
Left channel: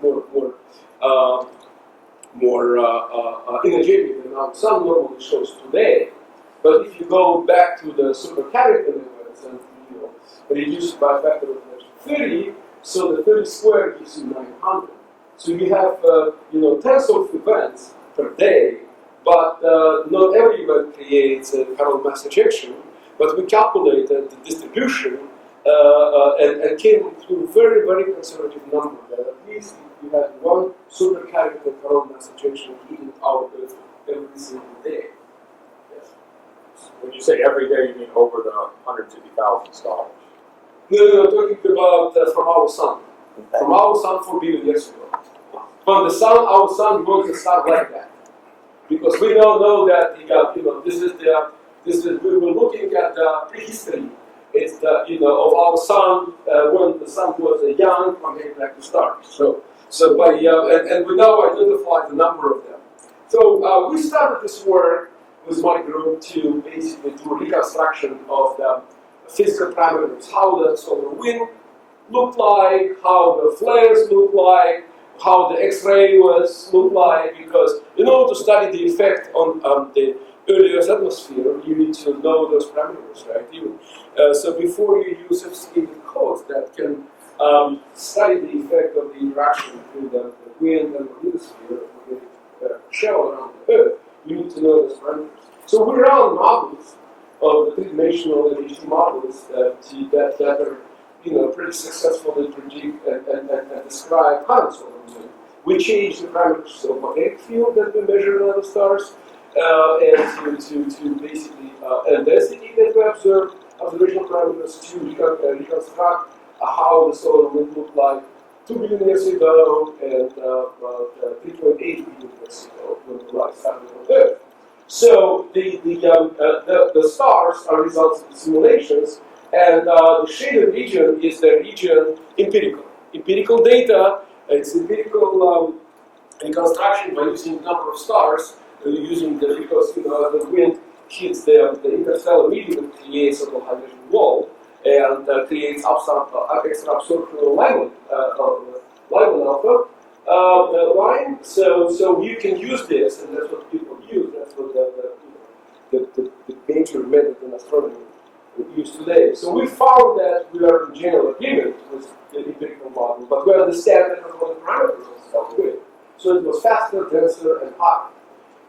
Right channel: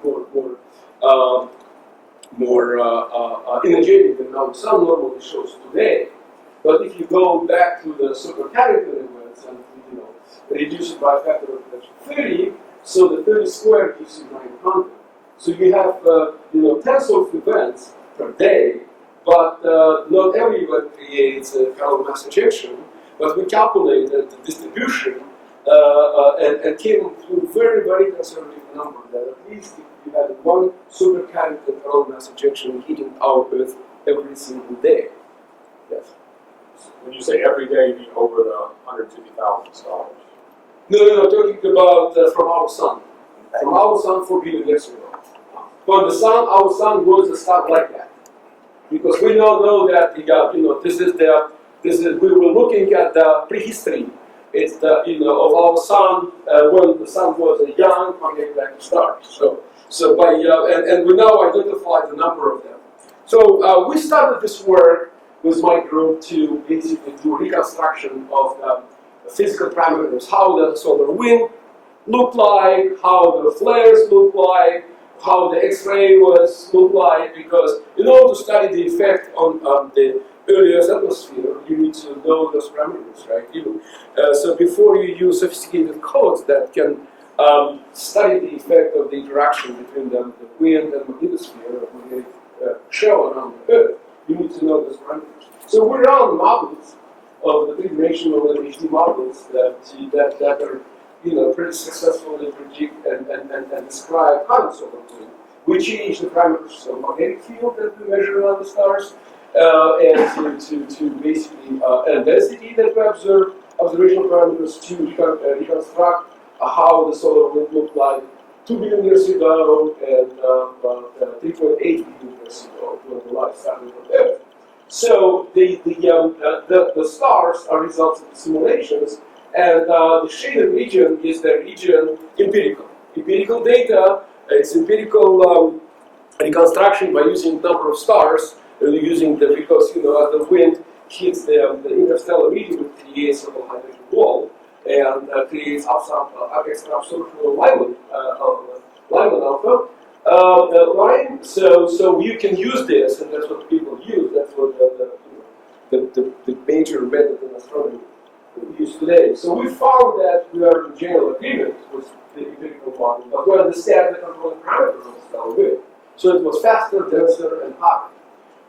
more energetic than our sun normally shows today. But if you go back to the super Carrington events and reduce it by a factor of 30, so the 30 squared gives you 900. So you have tens of events per day, but not every event creates a coronal mass ejection. But we calculated the distribution and came to a very, very conservative number that at least if you had one super Carrington coronal mass ejection hitting our Earth every single day. Yes. When you say every day, you mean over the 150,000 stars? No, talking about from our sun. From our sun 4 billion years ago. From the sun, our sun works and stuff like that. Because we now know that we were looking at the prehistory. It's of our sun when the sun was young, coming back to stars. So by and we now identify the number of them. So we started this work with my group to basically do a reconstruction of the physical parameters, how the solar wind looked like, how the flares looked like, how the X-ray looked like, because in order to study the effect on the early Earth's atmosphere, you need to know those parameters, right? So before you use sophisticated codes that can study the effect of the interaction between the wind and magnetosphere or magnetic shell around the Earth, you need to know those parameters. So we run models of the three-dimensional and HD models that are pretty successfully predict and describe current solar wind. We change the parameters of magnetic field that we measure in other stars, and to basically and density that we observe, observational parameters to reconstruct how the solar wind looked like 2 billion years ago and about 3.8 billion years ago when the life started on Earth. So the stars are results of the simulations, and the shaded region is the region empirical. Empirical data, it's empirical reconstruction by using number of stars, using because as the wind hits the interstellar medium, it creates a so-called hydrogen wall and creates extra absorption of Lyman alpha line. So you can use this, and that's what people use. That's what the major method in astronomy used today. So we found that we are in general agreement with the empirical model, but we understand the controlling parameters of the stellar wind. So it was faster, denser, and hotter.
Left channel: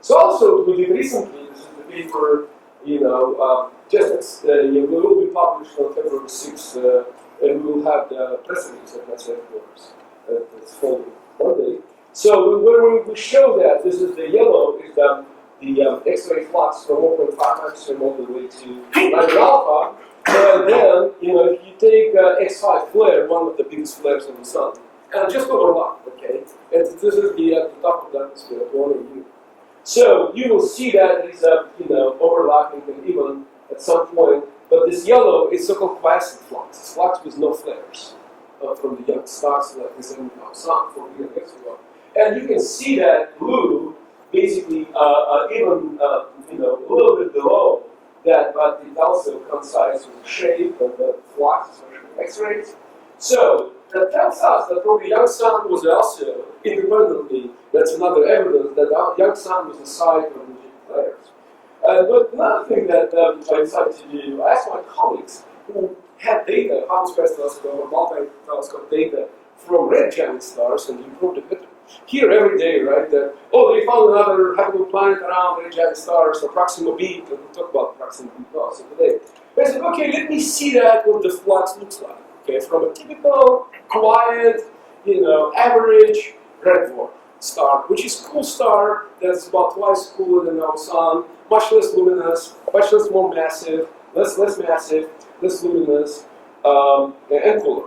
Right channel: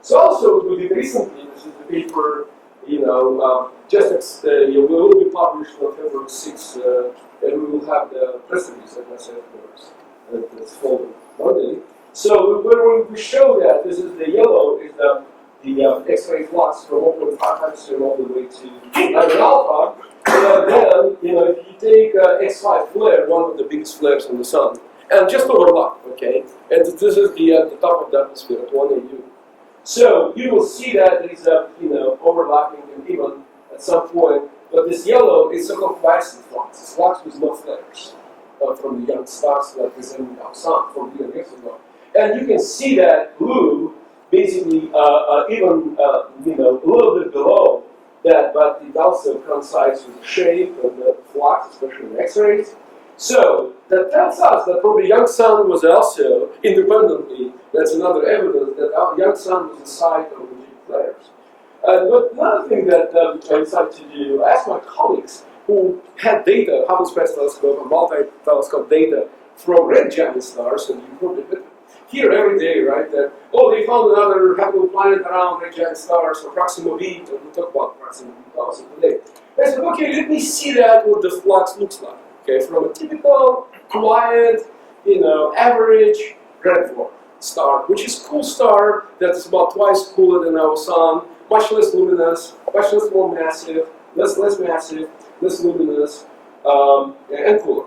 So also what we did recently, this is the paper, will be published on February 6th, and we will have the press release at NASA headquarters this following Monday. So where we show that this is the yellow is the X-ray flux from 1.5 angstrom all the way to Lyman alpha, and then if you take X5 flare, one of the biggest flares on the sun, and just overlap, okay, and this is the top of the atmosphere at 1 AU. So you will see that there is a overlapping and even at some point, but this yellow is so-called quiescent flux. It's flux with no flares from the young stars like resembling our sun 4 billion years ago. And you can see that blue basically even a little bit below that, but it also coincides with the shape and the flux, especially in X-rays. So that tells us that probably young sun was also independently, that's another evidence that our young sun was the site of energetic flares. But another thing that I decided to do, I asked my colleagues who had data, Hubble Space Telescope and multi-telescope data from red giant stars, and you probably hear every day, right, that, they found another habitable planet around red giant stars, or Proxima b, and we'll talk about Proxima b also today. I said, okay, let me see that, what the flux looks like. Okay, from a typical, quiet, average red dwarf star, which is a cool star that is about twice cooler than our sun, much less luminous, much more massive, less massive, less luminous, and cooler.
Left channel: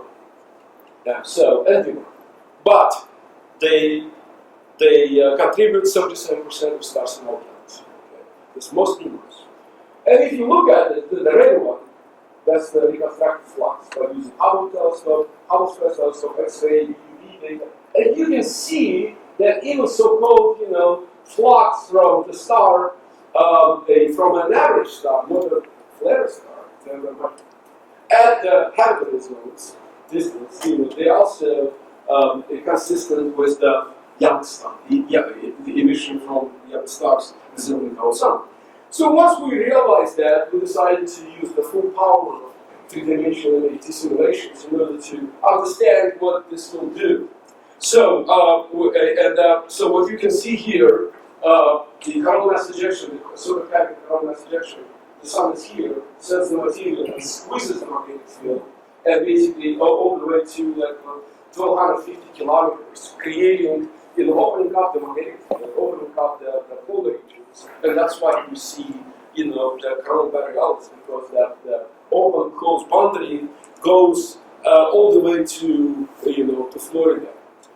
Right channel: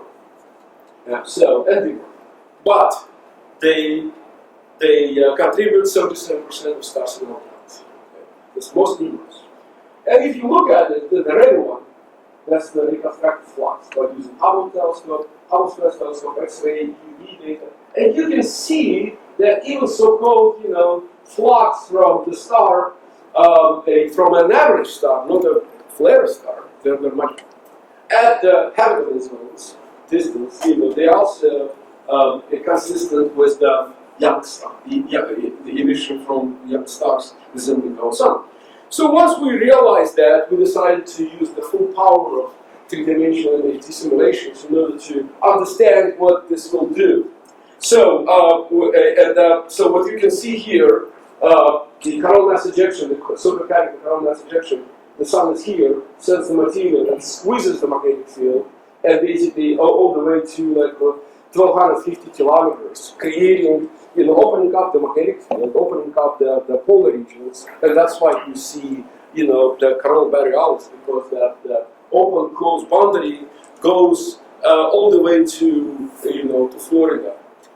And dimmer. But they contribute 77% of stars in our galaxy. Okay, that's most numerous. And if you look at it, the red one, that's the reconstructed flux by using Hubble telescope, Hubble Space Telescope, X-ray, UV data, and you can see that even so-called, flux from the star, from an average star, not a flare star, they're much at the habitable zones distance. They also consistent with the young star, the emission from young stars resembling our sun. So once we realized that, we decided to use the full power of three-dimensional MHD simulations in order to understand what this will do. So, so what you can see here, the coronal mass ejection, the supermechanical coronal mass ejection, the sun is here, sends the material and squeezes the magnetic field, and basically all the way to like 1,250 kilometers, creating, opening up the magnetic field, opening up the polar regions, and that's why you see, the coronal borealis, because the open-close boundary goes all the way to, to Florida.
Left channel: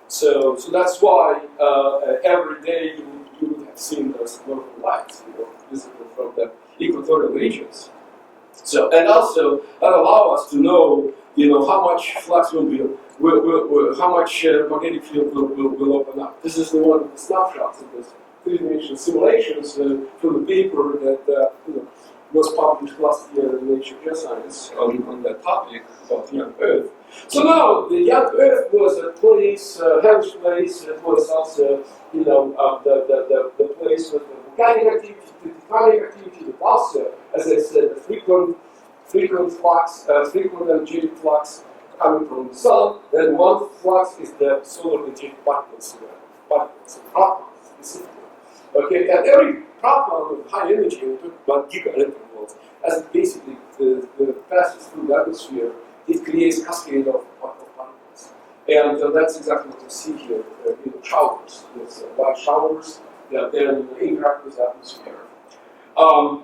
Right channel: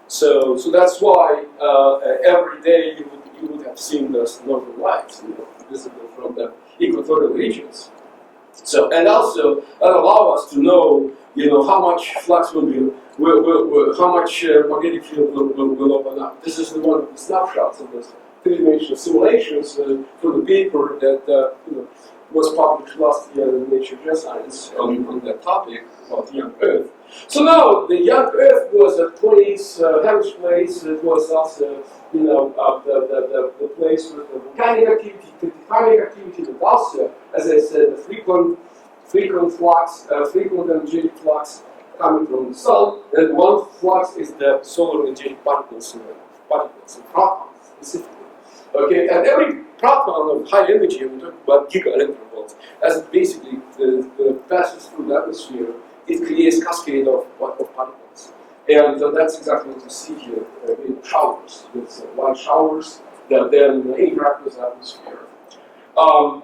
So that's why every day you would have seen those northern lights, visible from the equatorial regions. So, and also that allow us to know, how much flux will be, how much magnetic field will open up. This is one of the snapshots of those three-dimensional simulations from the paper that was published last year in Nature Geoscience on that topic about young Earth. So now the young Earth was a place, hellish place. It was also, the place with the volcanic activity, tectonic activity, but also, as I said, the frequent flux, frequent energetic flux coming from the sun. And one flux is the solar energetic particles, protons specifically. Okay, and every proton of high energy, we're talking about giga-electron volts, as it basically the passes through the atmosphere, it creates cascade of particles. And that's exactly what you see here, showers. There's white showers that then interact with the atmosphere.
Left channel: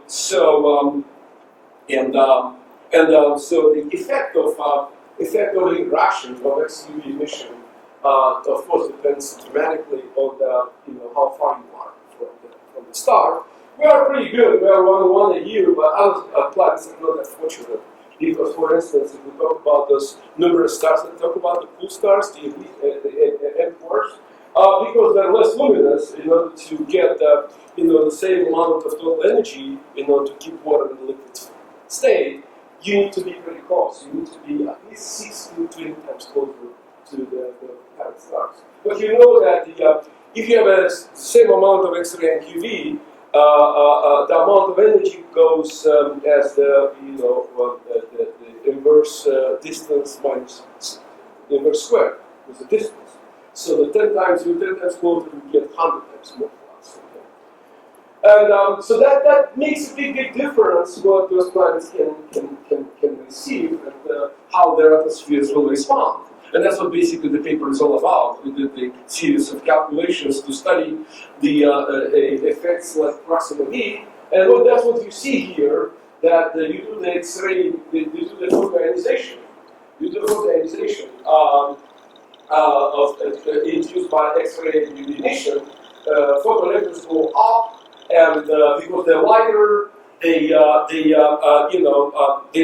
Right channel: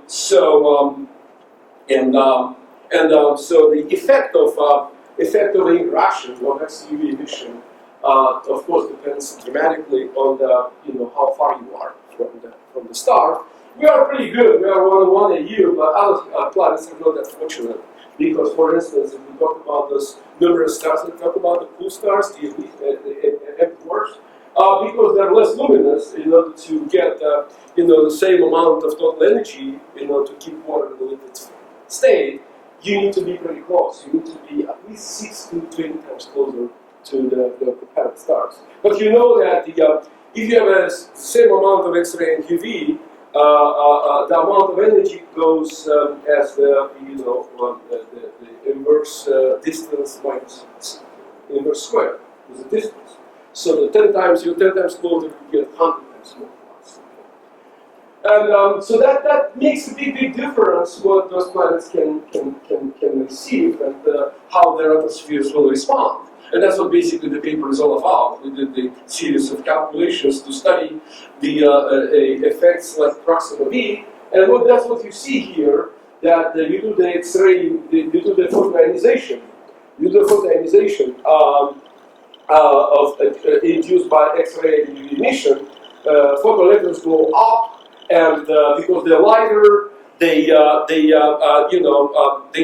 So the effect of the interaction of XUV emission, of course, depends dramatically on the how far you are from the star. We are pretty good. We are 1 AU, but other planets are not that fortunate. Because, for instance, if we talk about those numerous stars, we talk about the cool stars, the dwarfs, because they're less luminous. In order to get the same amount of total energy, to keep water in the liquid state, you need to be very close. You need to be at least 6 to 20 times closer to the parent stars. But you know that if you have the same amount of X-ray and UV, the amount of energy goes as the inverse distance minus inverse square is the distance. So the 10 times closer, you get 100 times more flux. Okay? And so that makes a big difference what those planets can receive and how their atmospheres will respond. And that's what basically the paper is all about. We did a series of calculations to study the effects like Proxima b, and that's what you see here, that you do the X-ray, you do the photoionization. You do photoionization induced by X-ray emission. Photoelectrons go up, and because they're lighter, they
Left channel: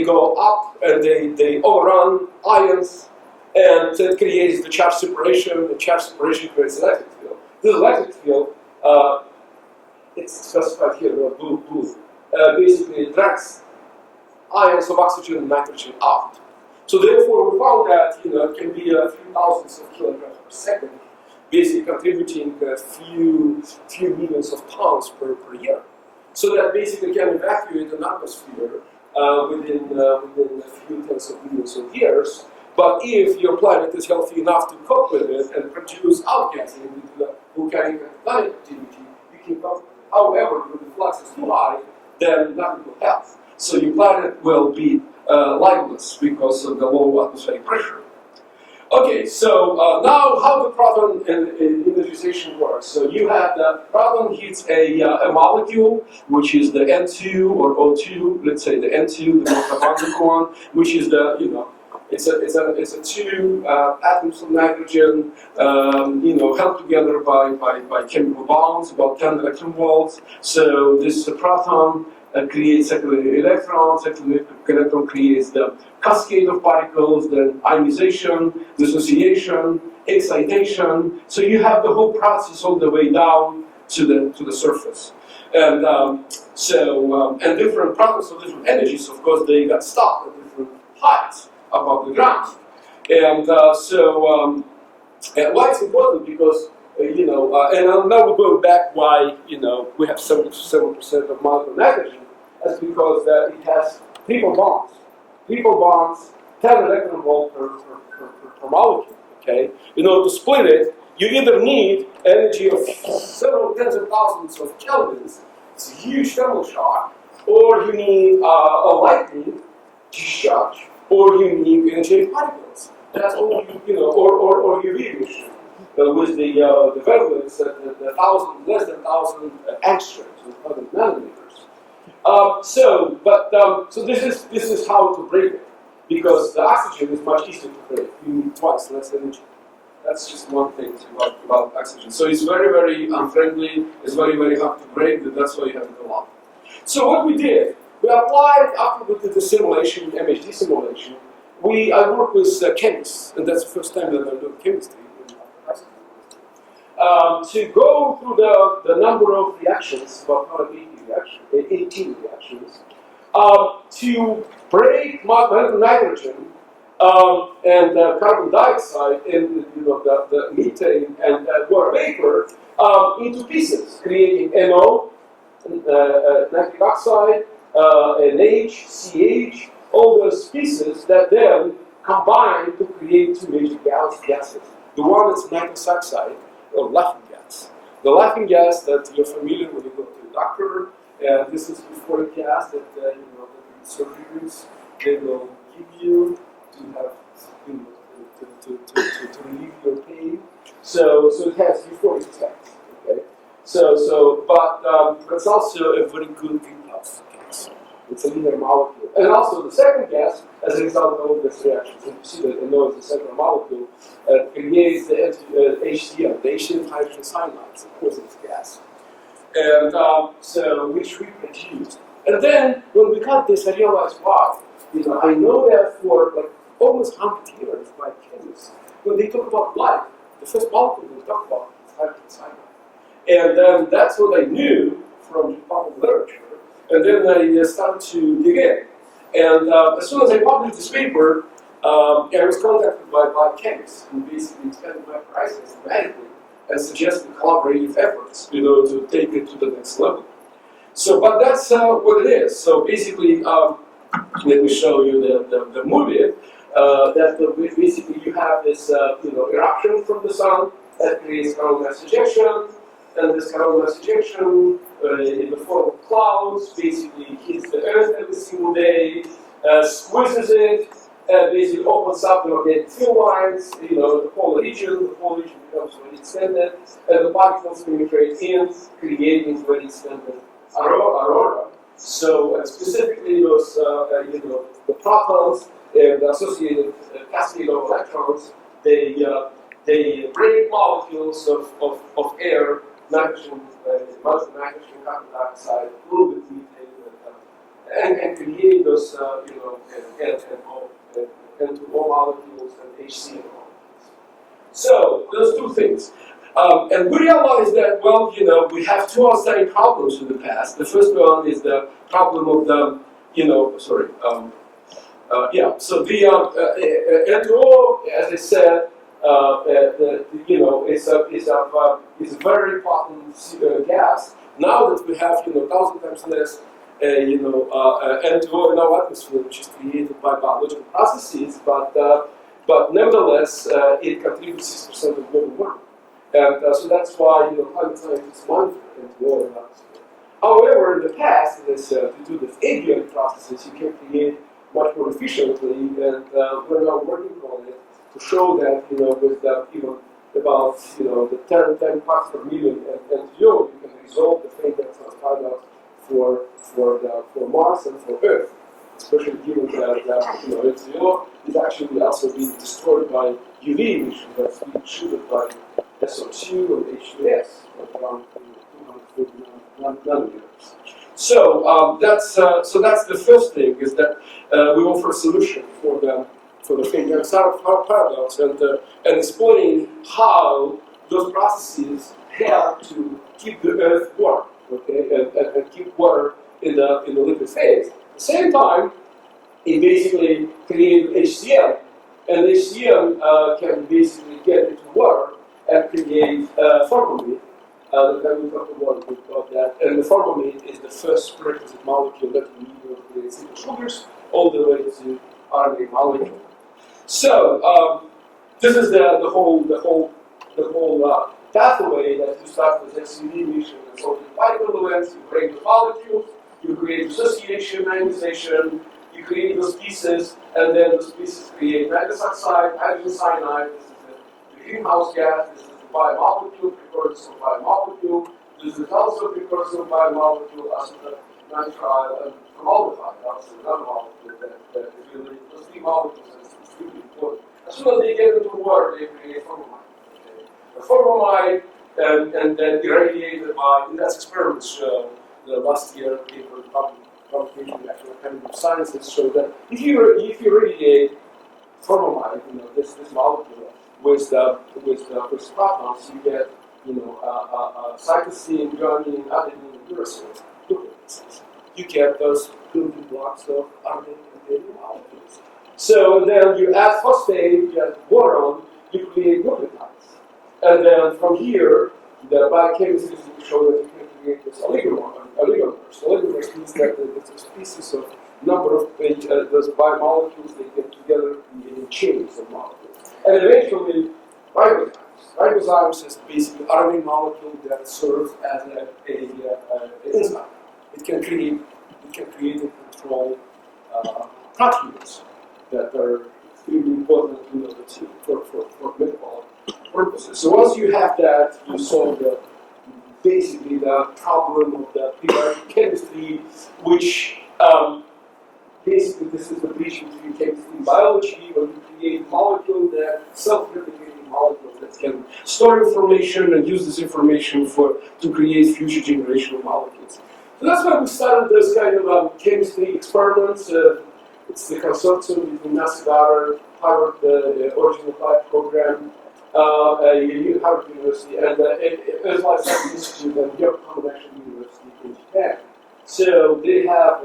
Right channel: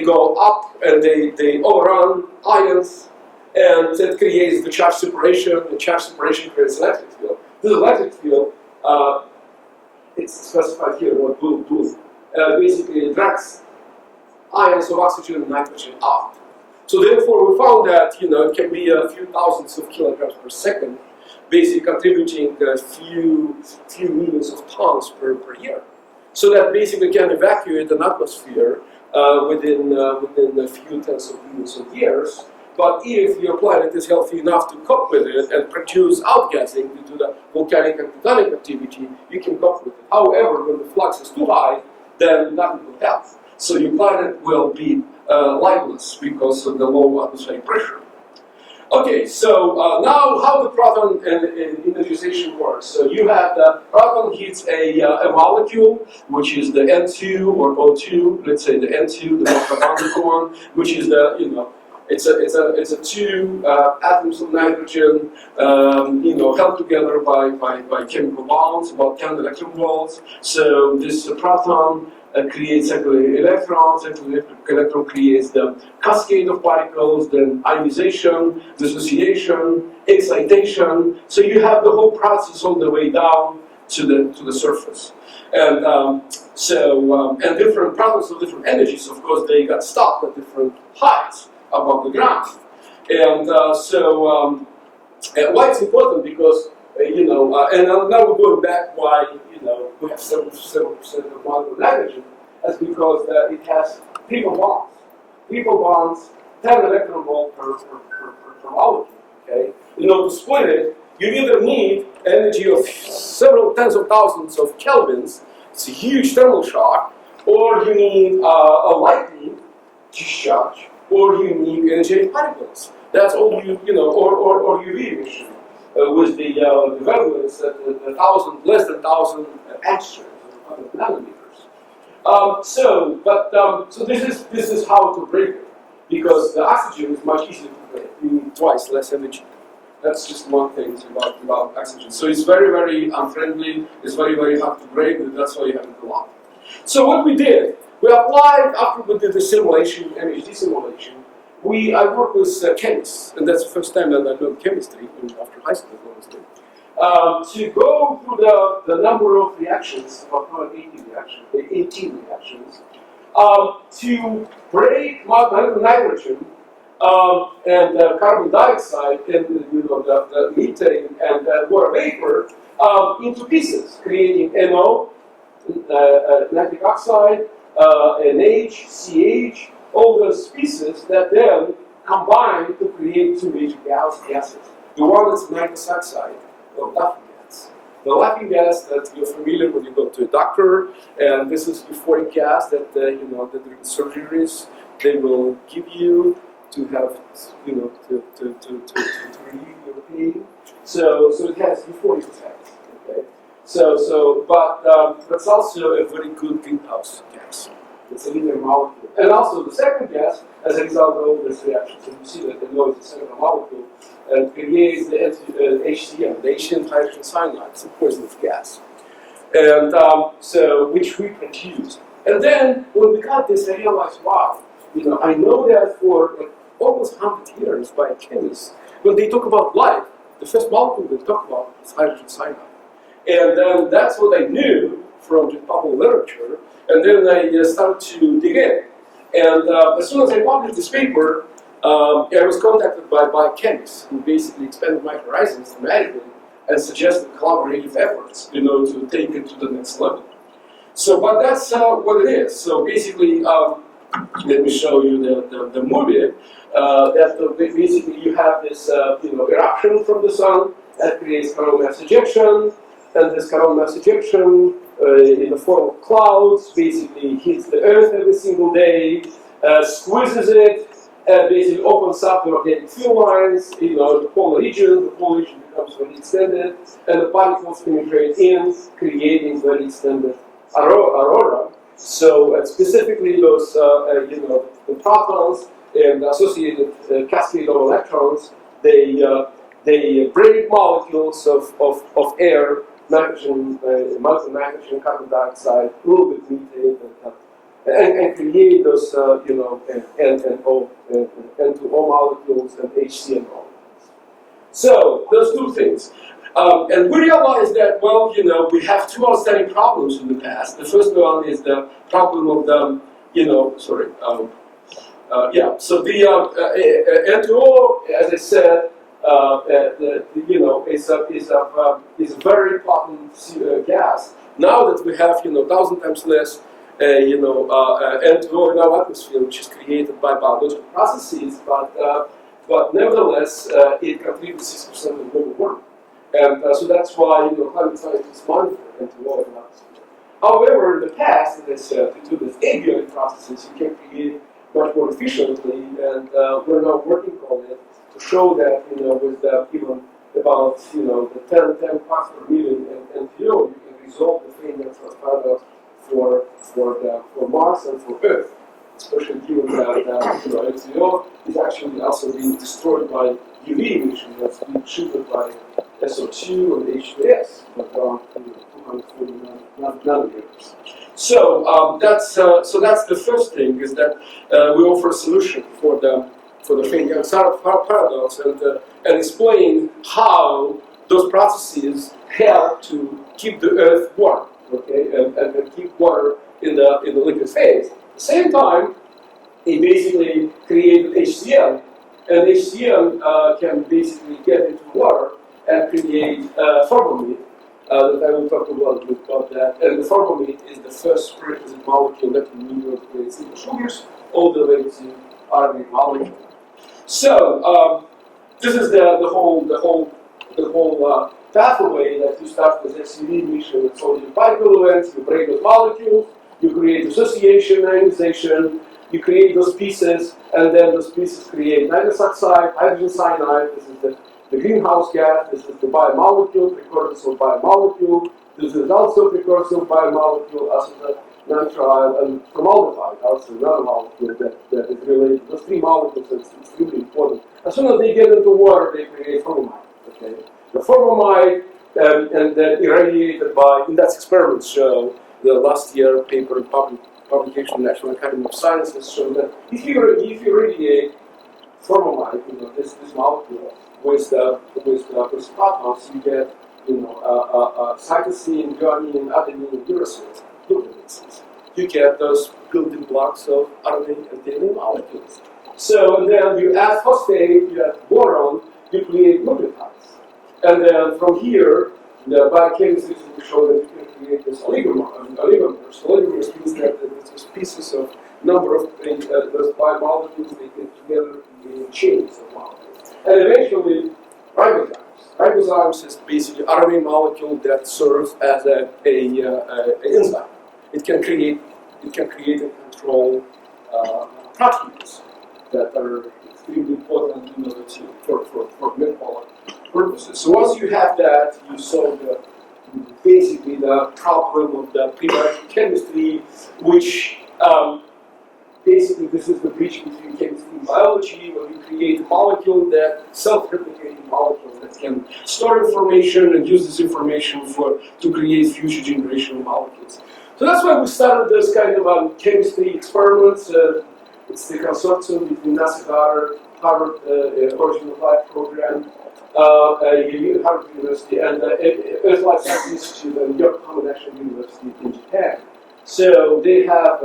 go up and they overrun ions. And it creates the charge separation. The charge separation creates electric field. This electric field, it's specified here in blue. Basically, it drags ions of oxygen and nitrogen out. So therefore, we found that it can be a few thousands of kilograms per second, basically contributing a few millions of tons per year. So that basically can evacuate an atmosphere within a few tens of millions of years. But if your planet is healthy enough to cope with it and produce outgassing due to the volcanic and tectonic activity, you can cope with it. However, when the flux is too high, then nothing will help. So your planet will be lifeless because of the low atmospheric pressure. Okay, so now how the proton energization works. So you have the proton hits a molecule, which is the N2 or O2. Let's say the N2, the most abundant one, which is the It's a two atoms of nitrogen, held together by chemical bonds, about 10 electron volts. So this proton creates circulating electrons. Circulating electron creates the cascade of particles, then ionization, dissociation, excitation. So you have the whole process all the way down to the surface. And and different protons of different energies, of course, they got stopped at different heights above the ground. And why it's important because, and now we're going back why, we have 77% of molecular nitrogen. That's because it has triple bonds. Triple bonds, 10 electron volt per molecule, okay? In order to split it, you either need energy of several tens of thousands of kelvins, it's a huge thermal shock, or you need a lightning discharge, or you need energetic particles. That's all or UV emission with the wavelengths at less than 1,000 angstroms, 100 nanometers. So this is how to break it, because the oxygen is much easier to break. You need twice less energy. That's just one thing about oxygen. So it's very, very unfriendly. It's very, very hard to break, but that's why you have it a lot. So what we did, we applied, after we did the simulation, MHD simulation, I worked with chemists, and that's the first time that I learned chemistry after high school, honestly, to go through the number of reactions, about 18 reactions, to break nitrogen and carbon dioxide and the methane and water vapor into pieces, creating NO, nitric oxide, NH, CH, all those pieces that then combine to create two major gases. The one that's nitrous oxide, or laughing gas. The laughing gas that you're familiar when you go to a doctor, and this is euphoric gas that that during surgeries they will give you to have to relieve your pain. So it has euphoric effects. Okay. But it's also a very good greenhouse gas. It's a linear molecule. And also the second gas, as a result of all these reactions, and you see that NO is a central molecule, and creates the HCl, the HCl hydrogen cyanide. It's a poisonous gas. And which we produced. And then when we got this, I realized, wow, I know that for like almost 100 years by chemists, when they talk about life, the first molecule they talk about is hydrogen cyanide. And then that's what I knew from the popular literature. And then I started to dig in. And as soon as I published this paper, I was contacted by biochemists who basically expanded my horizons dramatically and suggested collaborative efforts, to take it to the next level. So, but that's what it is. So basically, let me show you the movie. Basically you have this, eruption from the sun that creates coronal mass ejection, and this coronal mass ejection in the form of clouds basically hits the Earth every single day, squeezes it, basically opens up the magnetic field lines, the polar region becomes very extended, and the particles penetrate in, creating very extended aurora. So specifically those, the protons and the associated cascade of electrons, they break molecules of air, nitrogen, mountain nitrogen, carbon dioxide, a little bit methane, and create those, N2O molecules and HCl molecules. So those two things. And we realized that, we have two outstanding problems in the past. The first one is the problem of the, so the N2O, as I said, is a very potent gas. Now that we have, 1,000 times less, N2O in our atmosphere, which is created by biological processes, but nevertheless, it contributes 6% of global warming. And so that's why climate scientists monitor N2O in the atmosphere. However, in the past, as I said, due to these abiotic processes, you can create much more efficiently, and we're now working on it to show that with even about the 10 parts per million N2O, you can resolve the Feynman-Tropsch paradox for Mars and for Earth, especially given that N2O is actually also being destroyed by UV emission that's being shielded by SO2 and H2S, but around 240 nanometers. So that's the first thing, is that we offer a solution for the Feynman-Tropsch paradox and explain how those processes help to keep the Earth warm, okay, and keep water in the liquid phase. At the same time, it basically created HCl, and HCl can basically get into water and create formamide. That I will talk about that. And the formamide is the first prerequisite molecule that we need to create simple sugars, all the way to RNA molecule. So this is the whole pathway that you start with XUV emission with sodium particle events. You break those molecules, you create dissociation, ionization, you create those pieces, and then those pieces create nitrous oxide, hydrogen cyanide. This is the greenhouse gas. This is the biomolecule, precursor biomolecule. This is also precursor biomolecule, acetonitrile, and formaldehyde, also another molecule that is related. Those three molecules are extremely important. As soon as they get into water, they create formamide. Okay, the formamide and then irradiated by, and that's experiments show. The last year paper publication in National Academy of Sciences showed that if you irradiate formamide, this molecule with protons, you get cytosine, guanine, adenine, and uracil nucleotides. You get those building blocks of RNA and DNA molecules. So, and then you add phosphate, you add boron, you create nucleotides. And then from here, the biochemists recently showed that you can create this oligomers. Oligomers means that there's pieces of number of those biomolecules, they get together creating chains of molecules. And eventually, ribozymes. Ribozymes is basically RNA molecule that serves as an enzyme. It can create and control proteins that are extremely important for metabolic purposes. So once you have that, you solve basically the problem of the prebiotic chemistry, which basically this is the bridge between chemistry and biology, when you create a molecule that self-replicating molecule that can store information and use this information to create future generation of molecules. So that's why we started this kind of chemistry experiments. It's the consortium between NASA Goddard, Harvard, the Origin of Life program, Harvard University, and Earth Life Science Institute and Yokohama National University in Japan. So they have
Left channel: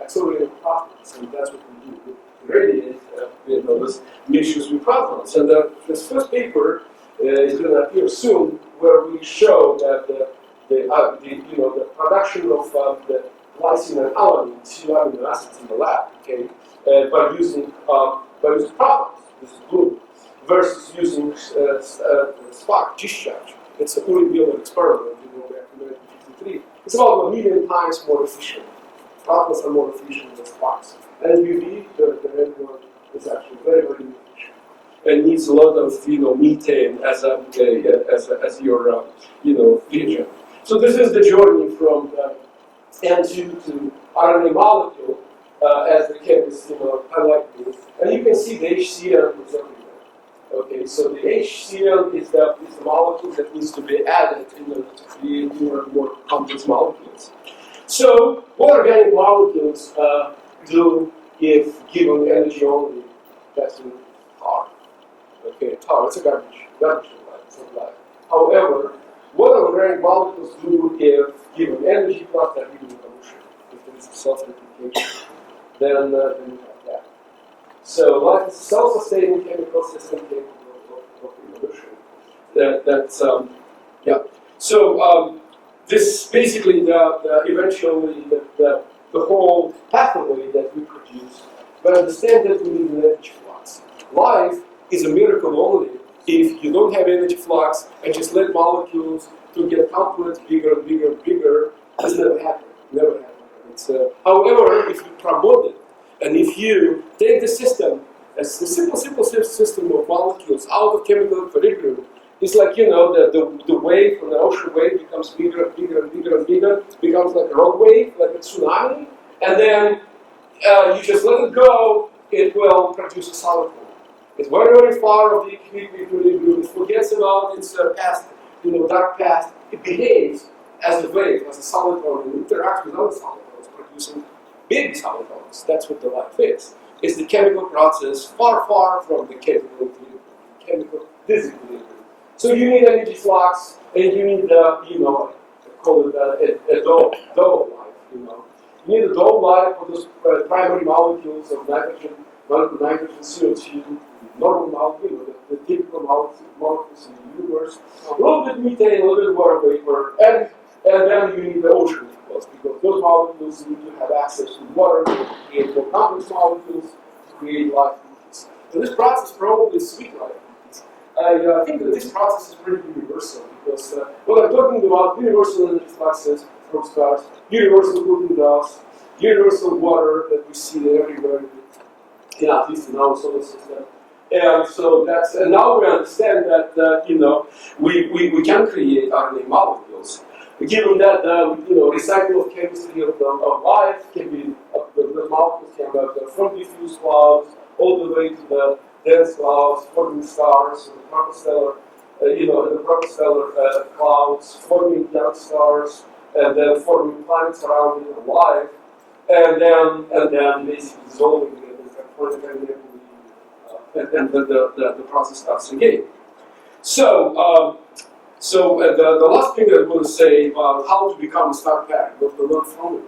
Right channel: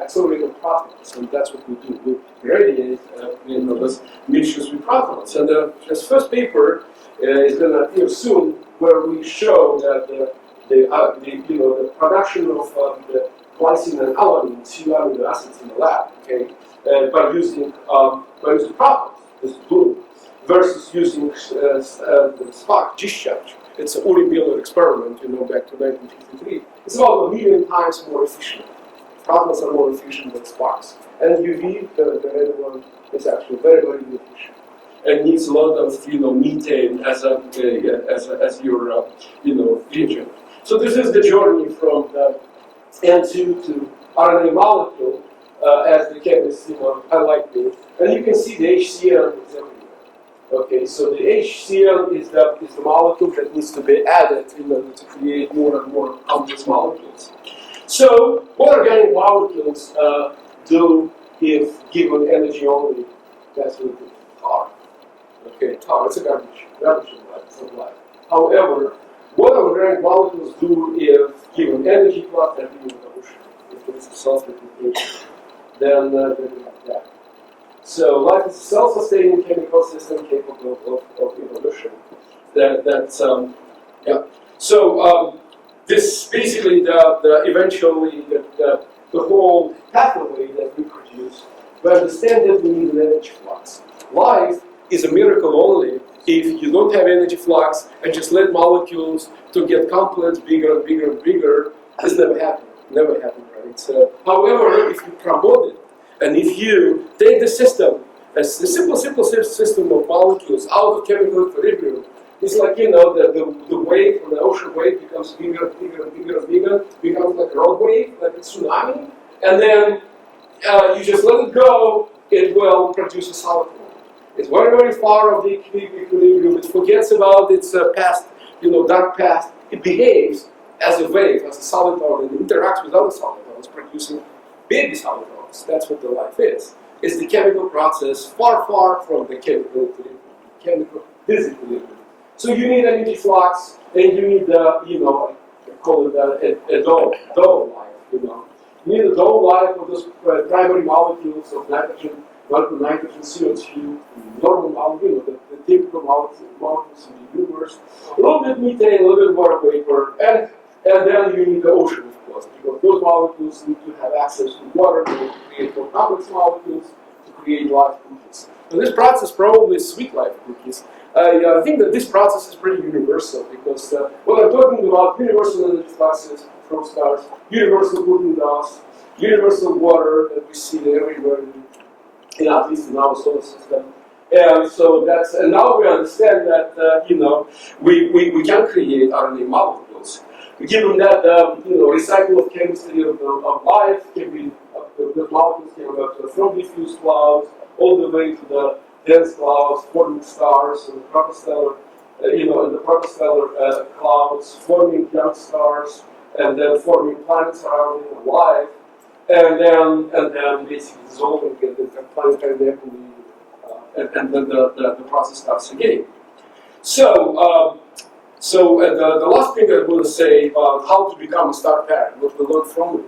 accelerator protons, and that's what we do. We radiate those mixtures with protons. And this first paper is going to appear soon, where we show that the production of the glycine and alanine, two amino acids in the lab, okay, by using protons, this is blue, versus using spark discharge. It's an Uri Miller experiment, back to 1953. It's about 1 million times more efficient. Protons are more efficient than sparks. And UV, the red one, is actually very, very inefficient. And needs a lot of methane as your reagent. So this is the journey from the N2 to RNA molecule, as the chemists highlight me. And you can see the HCl is everywhere. Okay, so the HCl is the molecule that needs to be added to create more and more complex molecules. So what organic molecules do if given energy only? That's what we do. Tar. Okay, tar, it's a garbage in life, it's not life. However, what organic molecules do if given energy plus Darwinian evolution, if there is a self-replication, then you have that. So life is a self-sustaining chemical system capable of evolution. So this basically eventually the whole pathway that we produce. We understand that we need an energy flux. Life is a miracle only if you don't have energy flux and just let molecules to get complex, bigger and bigger and bigger. It's never happened. Never happened, right? So, however, if you promote it, and if you take the system, a simple system of molecules out of chemical equilibrium, it's like, the wave from the ocean wave becomes bigger and bigger and bigger and bigger, becomes like a rock wave, like a tsunami, and then you just let it go, it will produce a solid form. It's very, very far of the equilibrium, it forgets about its past, dark past, it behaves as a wave, as a solid organ, and interacts with other solid organs, producing baby solid organs. That's what the life is. It's the chemical process far, far from the chemical equilibrium, chemical disequilibrium. So you need energy flux, and you need I call it a dome life, You need a dome life of those primary molecules of nitrogen, CO2, normal molecules, the typical molecules in the universe, a little bit methane, a little bit water vapor, and then you need the ocean, of course, because those molecules need to have access to water to create more complex molecules, to create life cookies. So this process probably is sweet life cookies. I think that this process is pretty universal because what I'm talking about, universal energy fluxes from stars, universal cooking dust, universal water that we see everywhere, at least in our solar system. And so and now we understand that we can create RNA molecules. Given that recycle of chemistry of life can be those molecules can go from diffuse clouds all the way to the dense clouds, forming stars and the protostellar, clouds, forming young stars, and then forming planets around it and life, and then basically dissolving in the planetary nebulae, and then the process starts again. So the last thing I want to say about how to become a star parent, what we learn from it.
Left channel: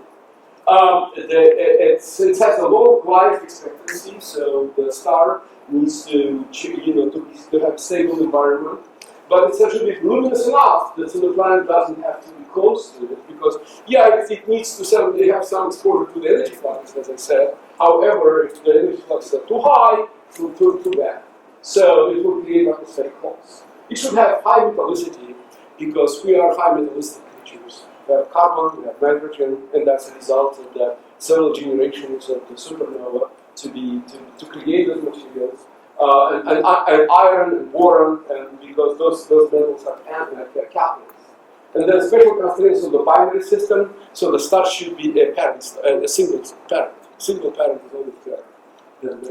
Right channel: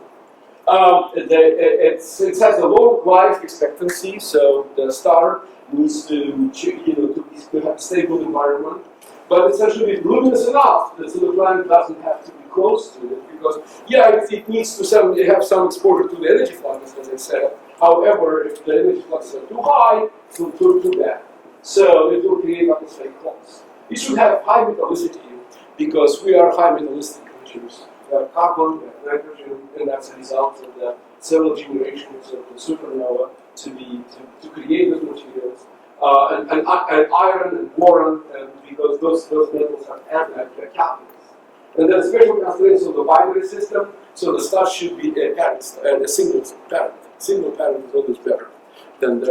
It has a long life expectancy, so the star needs to have a stable environment, but it's actually luminous enough that so the planet doesn't have to be close to it, because it needs to have some exposure to the energy fluxes, as I said. However, if the energy fluxes are too high, it will turn too bad. So it will create atmospheric holes. It should have high metallicity, because we are high metallistic creatures. We have carbon, we have nitrogen, and that's a result of the several generations of the supernova to create those materials, and iron and boron, and because those metals are catalysts. And then special constraints of the binary system, so the star should be a single parent. Single parent is always better than the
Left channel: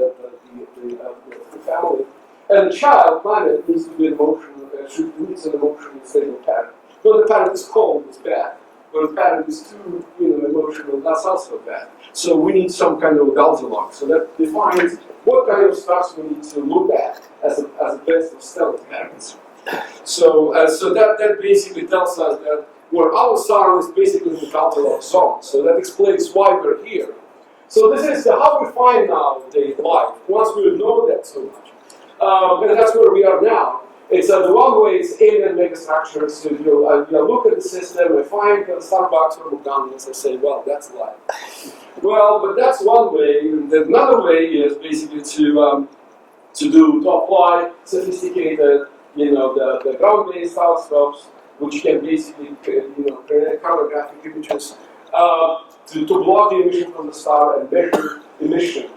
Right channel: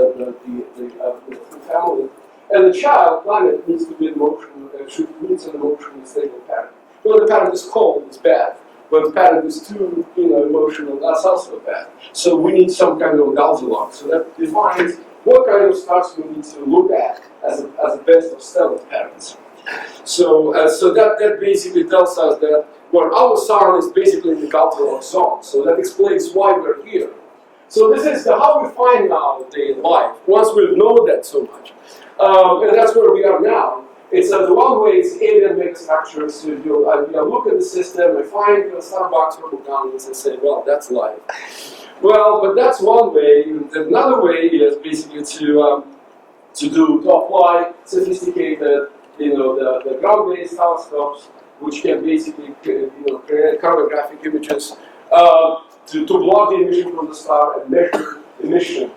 full family. And the child planet needs to be needs an emotionally stable parent. When the parent is cold, it's bad. When the parent is too emotional, that's also bad. So we need some kind of a Goldilocks. So that defines what kind of stars we need to look at as a best of stellar parents. So that basically tells us that our sun is basically in the Goldilocks zone. So that explains why we're here. So this is how we find now the life, once we've known that so much. And that's where we are now. It's the one way it's alien megastructures. So you look at the system, I find Starbucks or McDonald's, I say, well, that's life. Well, but that's one way. Another way is basically to apply sophisticated, the ground-based telescopes, which can basically, create carbonographic images to block the emission from the star and measure emission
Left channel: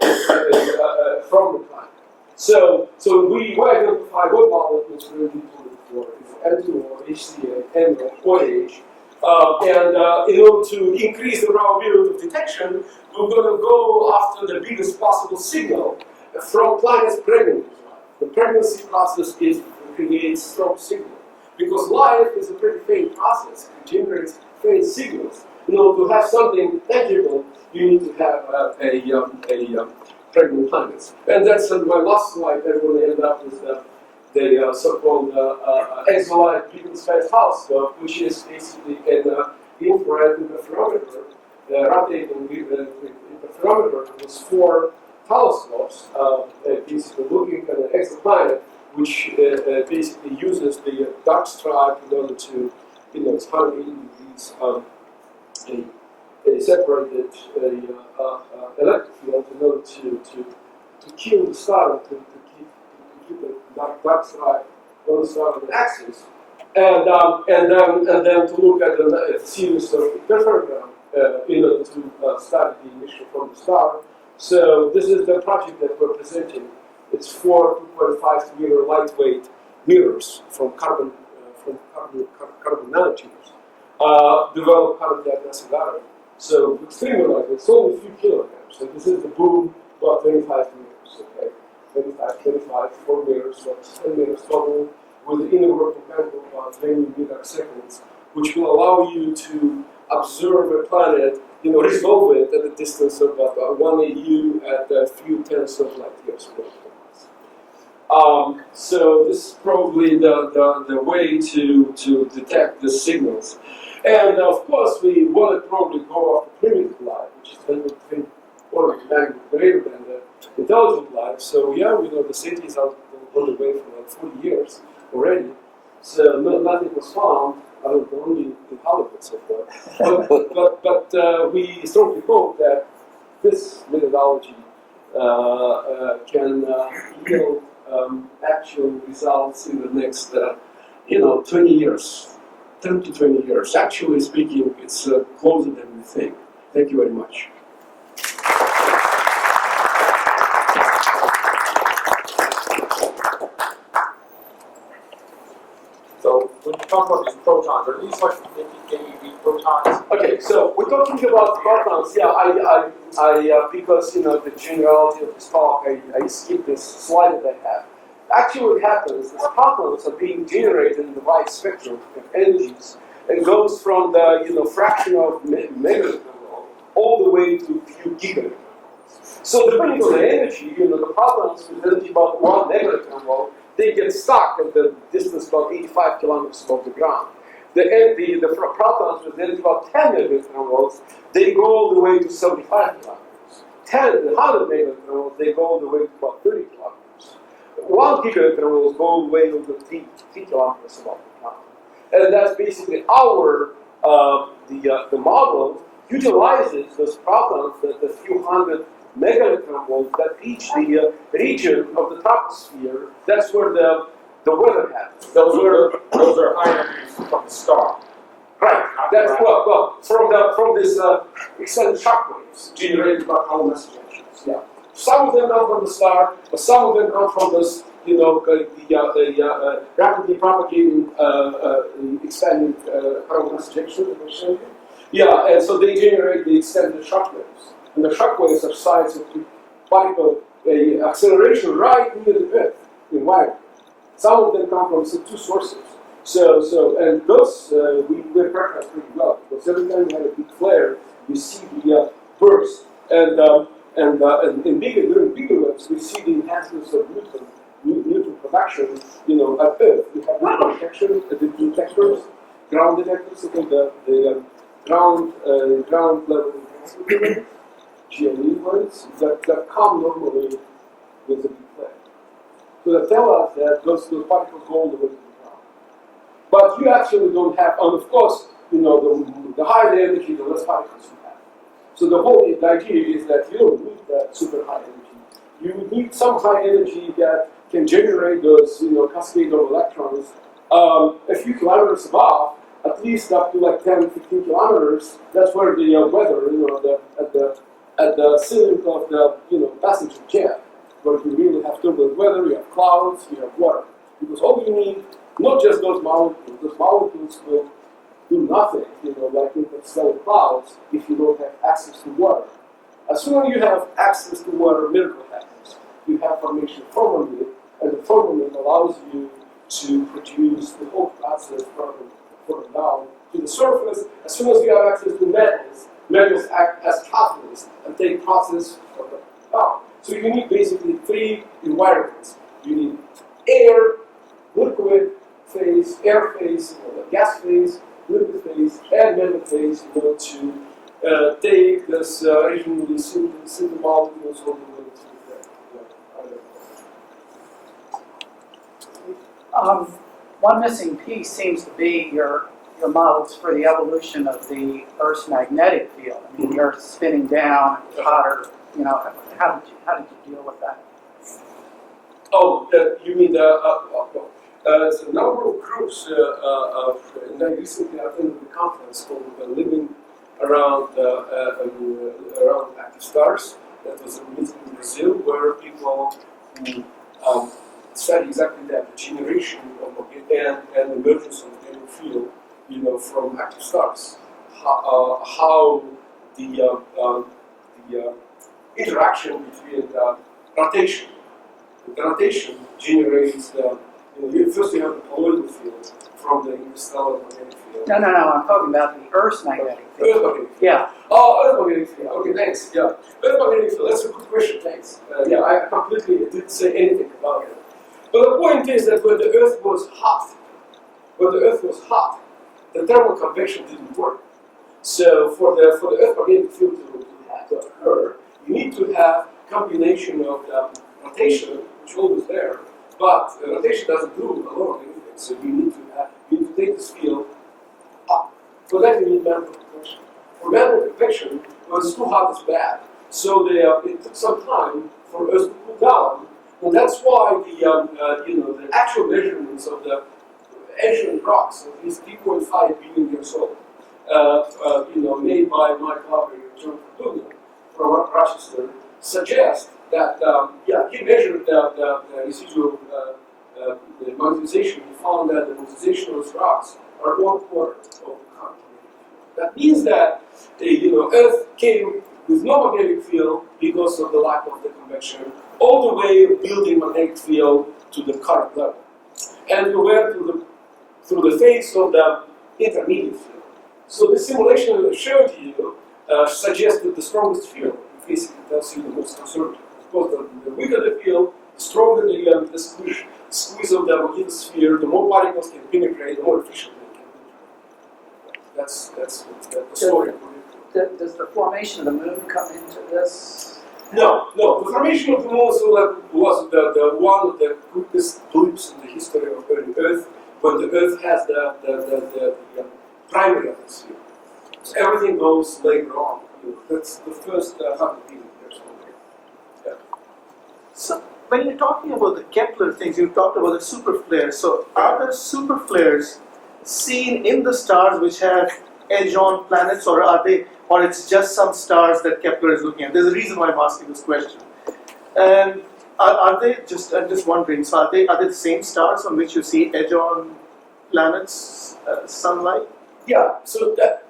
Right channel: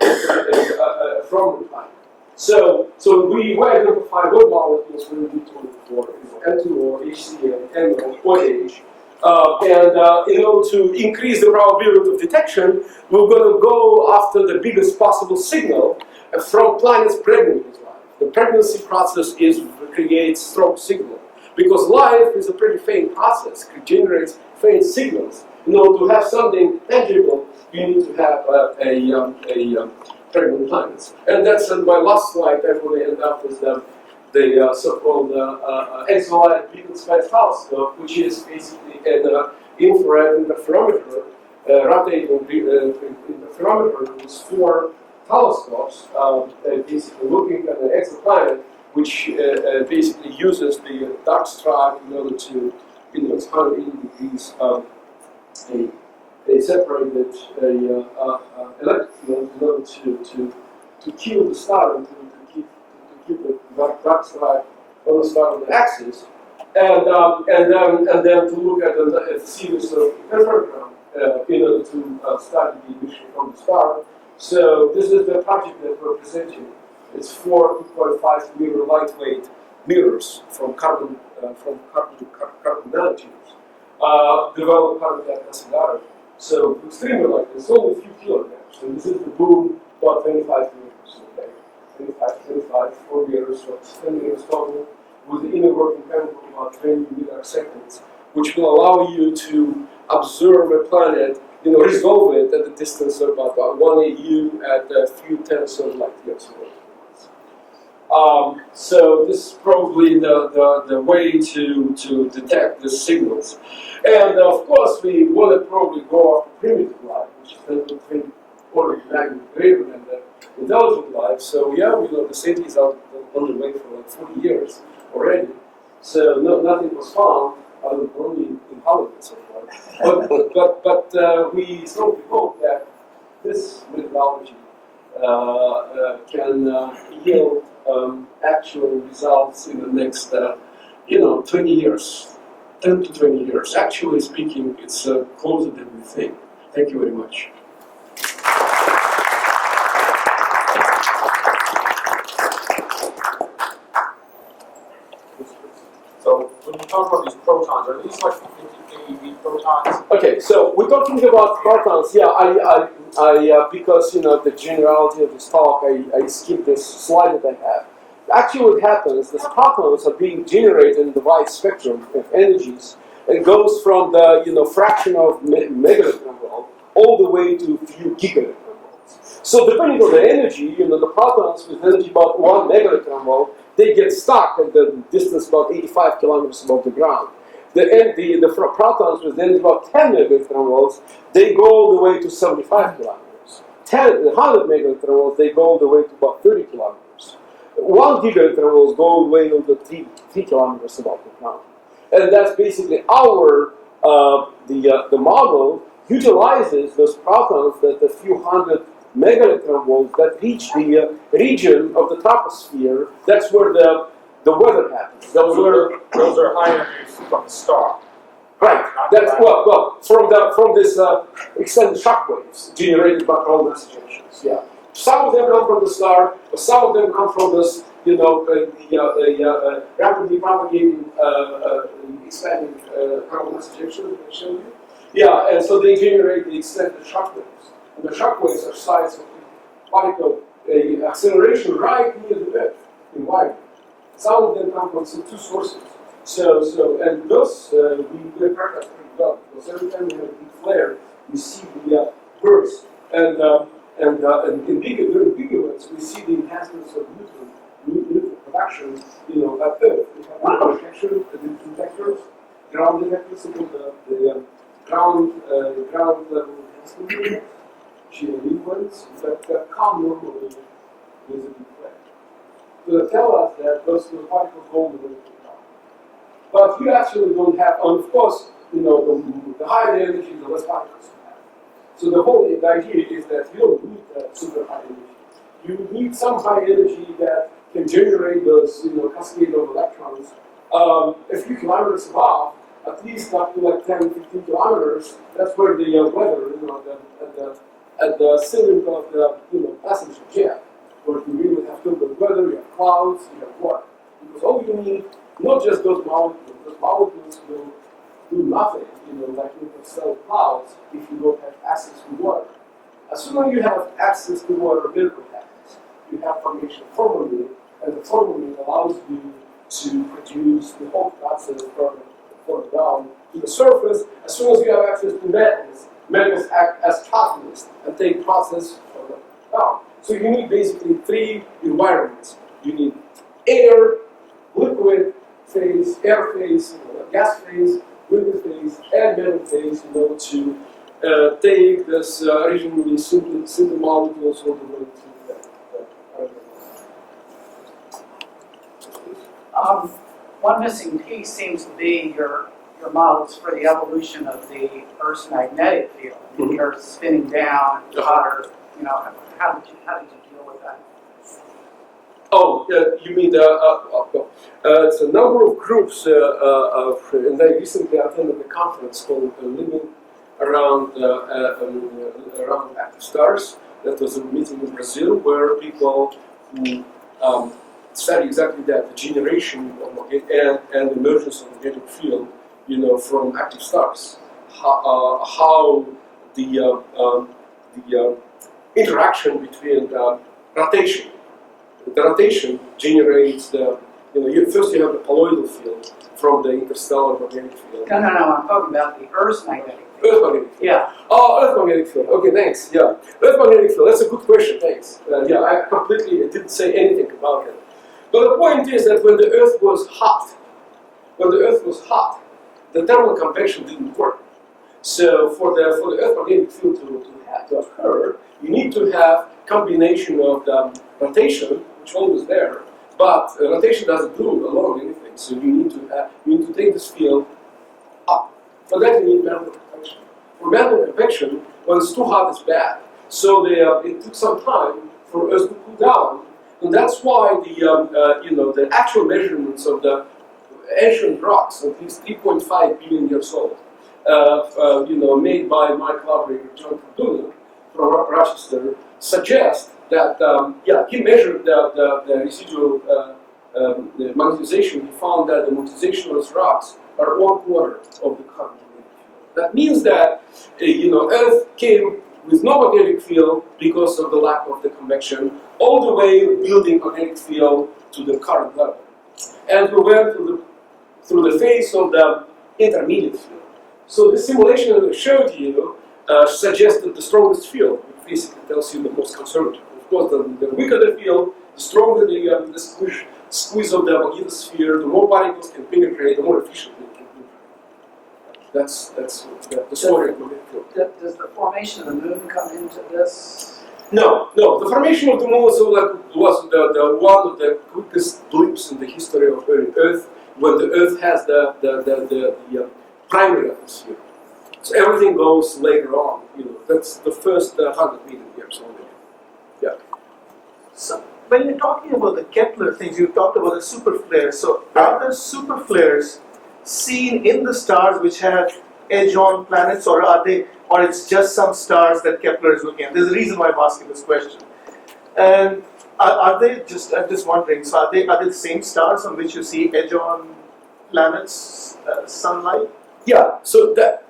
from the planet. So we identify what molecules we need to look for, N2O, HCl, NO, OH. And in order to increase the probability of detection, we're going to go after the biggest possible signal from planets pregnant with life. The pregnancy process creates strong signal. Because life is a pretty faint process, it generates faint signals. In order to have something tangible, you need to have a pregnant planets. And that's on my last slide. I want to end up with the so-called exolite beacon space telescope, which is basically an infrared interferometer, rotating interferometer with 4 telescopes, basically looking at an exoplanet, which basically uses the dark stripe in order to, it's 180 degrees, a separated electric field in order to kill the star and to keep the dark stripe on the star on the axis, and then to look at a series of interferogram in order to study the emission from the star. So this is the project that we're presenting. It's 4 2.5 meter lightweight mirrors from carbon nanotubes, developed carbon at Nasagara. So extremely lightweight. It's only a few kilograms, and this is the boom about 25 meters. Okay, 4 meters, so 10 meters total, with the inner working time of about 20 milliseconds, which will allow you to observe a planet, resolve it at a distance of about 1 AU at a few tenths of light years away from us. So this is probably the way to detect the signals. And of course, we want to probably go after primitive life, which is 10 orders of magnitude greater than the intelligent life. So yeah, we know the city is out on the way for like 40 years already. So nothing was found, only in Hollywood so far. But we strongly hope that this methodology can yield actual results in the next 20 years. 10 to 20 years. Actually speaking, it's closer than we think. Thank you very much. So when you talk about these protons, are these like 50 keV protons? Okay, so we're talking about protons. Yeah, I because the generality of this talk, I skipped this slide that I have. Actually, what happens is protons are being generated in the wide spectrum of energies. It goes from the fraction of megaelectron volt all the way to a few gigaelectron volts. So depending on the energy, the protons with energy about 1 megaelectron volt, they get stuck at the distance about 85 kilometers above the ground. The protons with energy about 10 megaelectron volts, they go all the way to 75 kilometers. 100 megaelectron volts, they go all the way to about 30 kilometers. 1 gigaelectron volts go all the way to 3 kilometers above the ground. And that's basically our, the model utilizes those protons that a few hundred megaelectron volts that reach the region of the troposphere. That's where the weather happens. Those are high energies from the star. Right. That's from this extended shock waves generated by coronal ejections. Yeah. Some of them come from the star, but some of them come from this, rapidly propagating, expanding coronal ejection that I showed you. Yeah, and so they generate the extended shock waves. And the shock waves are size of particle acceleration right near the Earth, in environment. Some of them come from 2 sources. And those we characterize pretty well, because every time we have a big flare, we see the burst. And during bigger So we see the enhancements of neutron production, at Earth. You have neutron detection, detectors, ground detectors, so called the ground level enhancement, GLE ones, that come normally with a big flare. So they tell us that those particles go all the way to the ground. But you actually don't have, and of course, the higher the energy, the less particles you have. So the idea is that you don't need that super high energy. You need some high energy that can generate those, cascade of electrons a few kilometers above, at least up to like 10, 15 kilometers. That's where the weather, at the ceiling of the, passenger jet, where you really have turbulent weather, you have clouds, you have water. Because all you need, not just those molecules will do nothing, like interstellar clouds, if you don't have access to water. As soon as you have access to water, miracle happens. You have formation of formalin, and the formalin allows you to produce the whole process further down to the surface. As soon as you have access to metals act as catalysts and take process further down. So you need basically three environments. You need air, liquid phase, air phase, gas phase, liquid phase, and metal phase, to take this originally simple molecules all the way to the One missing piece seems to be your models for the evolution of the Earth's magnetic field. Mhm. The Earth spinning down, hotter, how did you deal with that? Oh, you mean it's a number of groups, and I recently attended a conference called Living Around Active Stars. That was a meeting in Brazil where people who study exactly that, the generation of and emergence of magnetic field, from active stars. How the interaction between the rotation. The rotation generates first you have the colloidal field from the interstellar magnetic field. No, I'm talking about the Earth's magnetic field. Earth magnetic field. Yeah. Oh, Earth magnetic field. Okay, thanks. Yeah, Earth magnetic field. That's a good question. Thanks. I didn't say anything about it. But the point is that when the Earth was hot, the thermal convection didn't work. So for the Earth magnetic field to occur, you need to have combination of the rotation, which is always there, but rotation doesn't do alone anything. So you need to take this field up. For that you need mantle convection. For mantle convection, when it's too hot, it's bad. So it took some time for Earth to cool down, and that's why the actual measurements of the ancient rocks, at least 3.5 billion years old, made by my collaborator John Luna from Rochester, suggest that he measured the residual the magnetization. He found that the magnetization of those rocks are 1/4 of the current magnetic field. That means that Earth came with no magnetic field because of the lack of the convection, all the way building magnetic field to the current level, and we went through the phase of the intermediate field. So the simulation that I showed you suggested the strongest field, which basically tells you the most conservative. Of course, the weaker the field, the stronger the squeeze of the magnetosphere, the more particles can penetrate, the more efficiently it can penetrate. That's the story of magnetic field. Does the formation of the moon come into this? No. The formation of the moon was the one of the quickest blips in the history of Earth, when the Earth has the primary atmosphere. So everything goes later on. That's the first 100 million years already. Yeah. So when you're talking about the Kepler things, you talked about the super flares. So are there super flares seen in the stars which have edge-on planets, or it's just some stars that Kepler is looking at? There's a reason why I'm asking this question. And are they just? I'm just wondering. So are they the same stars on which you see edge-on planets, sunlight? Yeah. So that.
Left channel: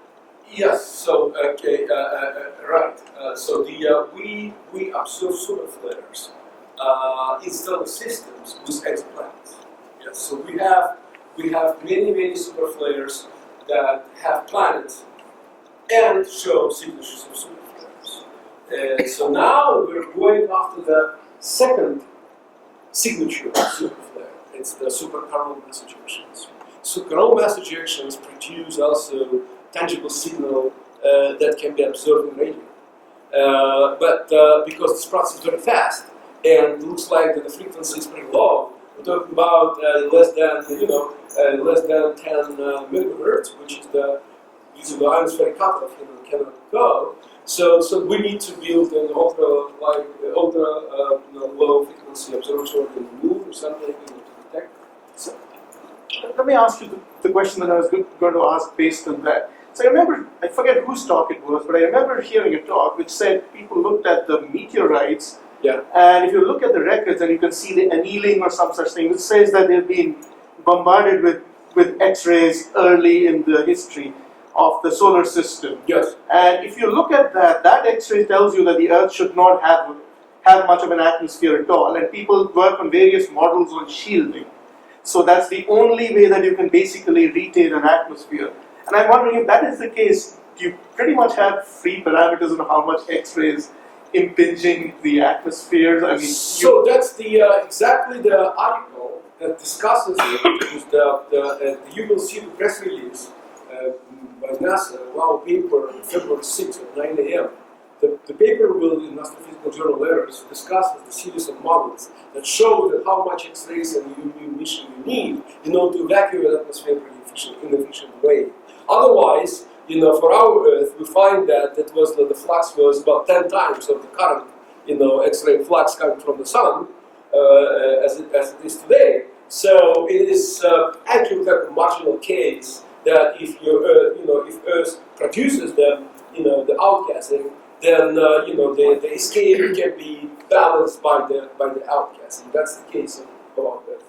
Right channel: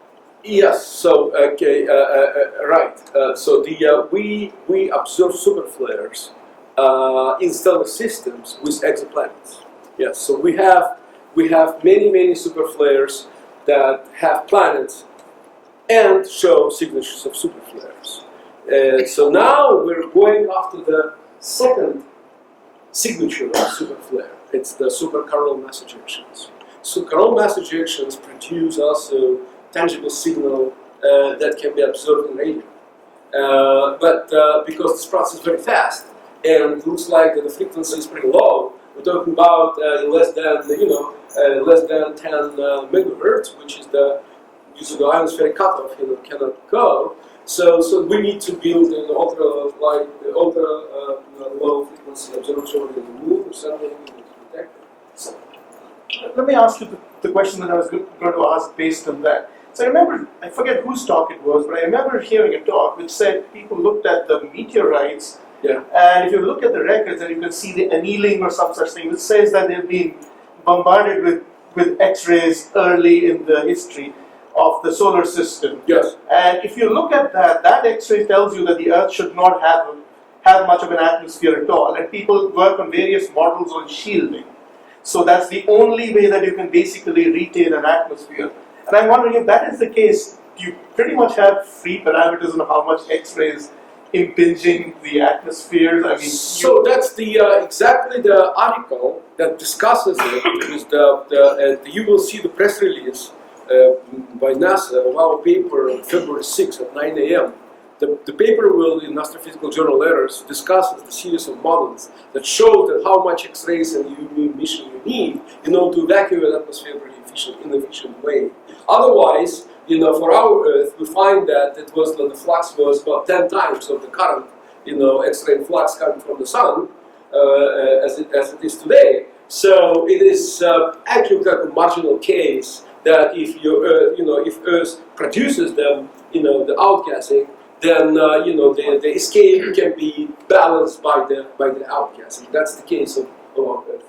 Yes. So okay. Right. So we observe super flares in stellar systems with exoplanets. Yes. So we have many super flares that have planets and show signatures of super flares. And so now we're going after the second signature of superflare. It's the supercoronal mass ejections. So coronal mass ejections produce also tangible signal that can be observed in radio. But because this process is very fast and looks like that the frequency is pretty low, we're talking about less than 10 megahertz, which is the use of the ionospheric cutoff cannot go. So we need to build an ultra low frequency observatory in the moon or something to detect it. So, let me ask you the question that I was going to ask based on that. So I remember, I forget whose talk it was, but I remember hearing a talk which said people looked at the meteorites, Yeah. and if you look at the records and you can see the annealing or some such thing, which says that they've been bombarded with X-rays early in the history of the solar system. Yes. And if you look at that X-ray tells you that the Earth should not have much of an atmosphere at all, and people work on various models on shielding. So that's the only way that you can basically retain an atmosphere. And I'm wondering if that is the case, you pretty much have free parameters on how much X-rays impinging the atmosphere. I mean, So that's the exactly the article that discusses it. With you will see the press release by NASA of our paper on February 6th at 9 a.m. The paper will, in Astrophysical Journal Letters, discusses the series of models that show that how much X-rays and UV emission you need in order to evacuate the atmosphere in an efficient way. Otherwise, for our Earth, we find that the flux was about 10 times of the current, X-ray flux coming from the sun, as it is today. So it is actually like a marginal case that if if Earth produces them, the outgassing, then the escape can be balanced by the outgassing. That's the case of our Earth.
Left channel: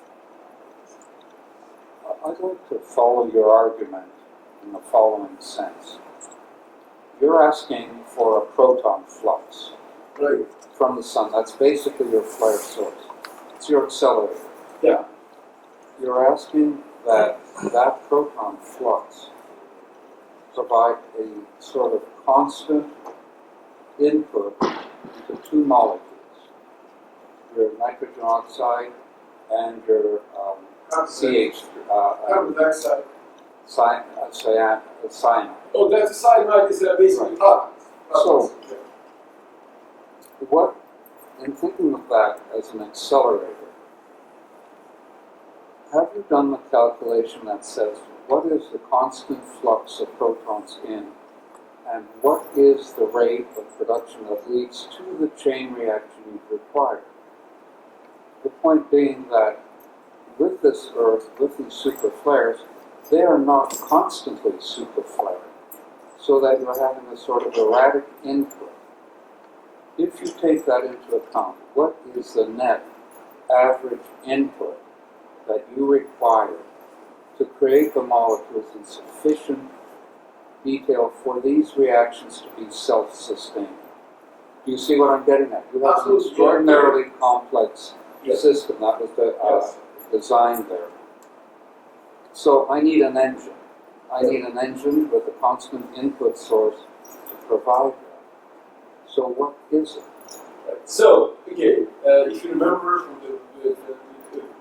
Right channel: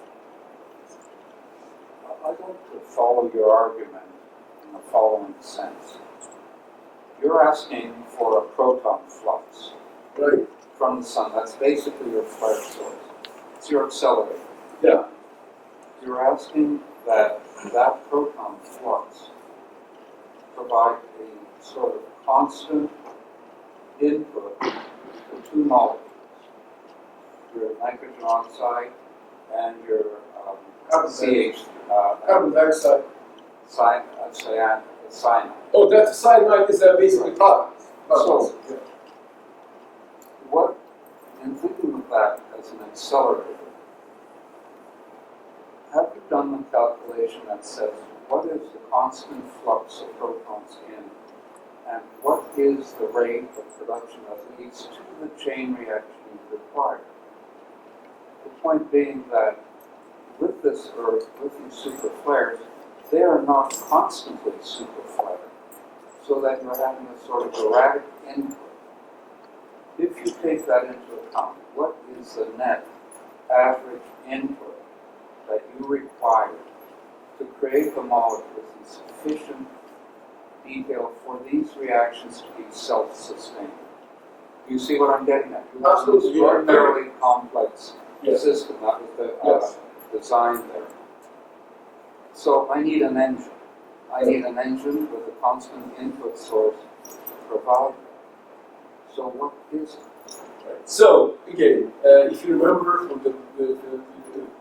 I'd like to follow your argument in the following sense. You're asking for a proton flux Right. from the sun. That's basically your flare source. It's your accelerator. Yeah. You're asking that proton flux provide a sort of constant input into two molecules, your nitrogen oxide and your CH, Carbon dioxide. cyanide. Oh, that's cyanide is basically products. So, what, in thinking of that as an accelerator, have you done the calculation that says what is the constant flux of protons in, and what is the rate of production that leads to the chain reaction required? The point being that with this Earth, with these super flares, they are not constantly super flaring, so that you're having a sort of erratic input. If you take that into account, what is the net average input that you require to create the molecules in sufficient detail for these reactions to be self-sustaining? Do you see what I'm getting at? You have an Absolutely, yeah. extraordinarily complex Yes. system that was Yes. designed there. So I need an engine. I need an engine with a constant input source to provide that. So what is it? So again, if you remember from the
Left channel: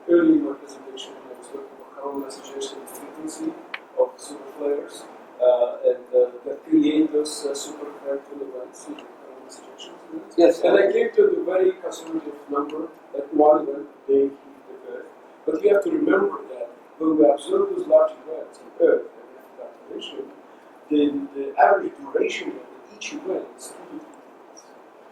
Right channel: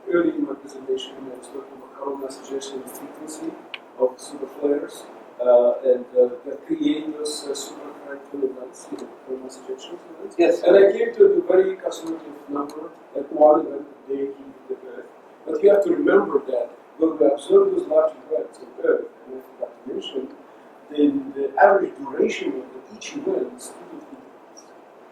early in my presentation when I was talking about coronal mass ejection, the frequency of super flares and that create those superconducting events, coronal mass ejection events. Yes. And I came to the very conservative number, like one event per day hitting the Earth. But you have to remember that when we observe those large events on Earth, and I forgot to mention, the average duration of each event is 2 to 3 days.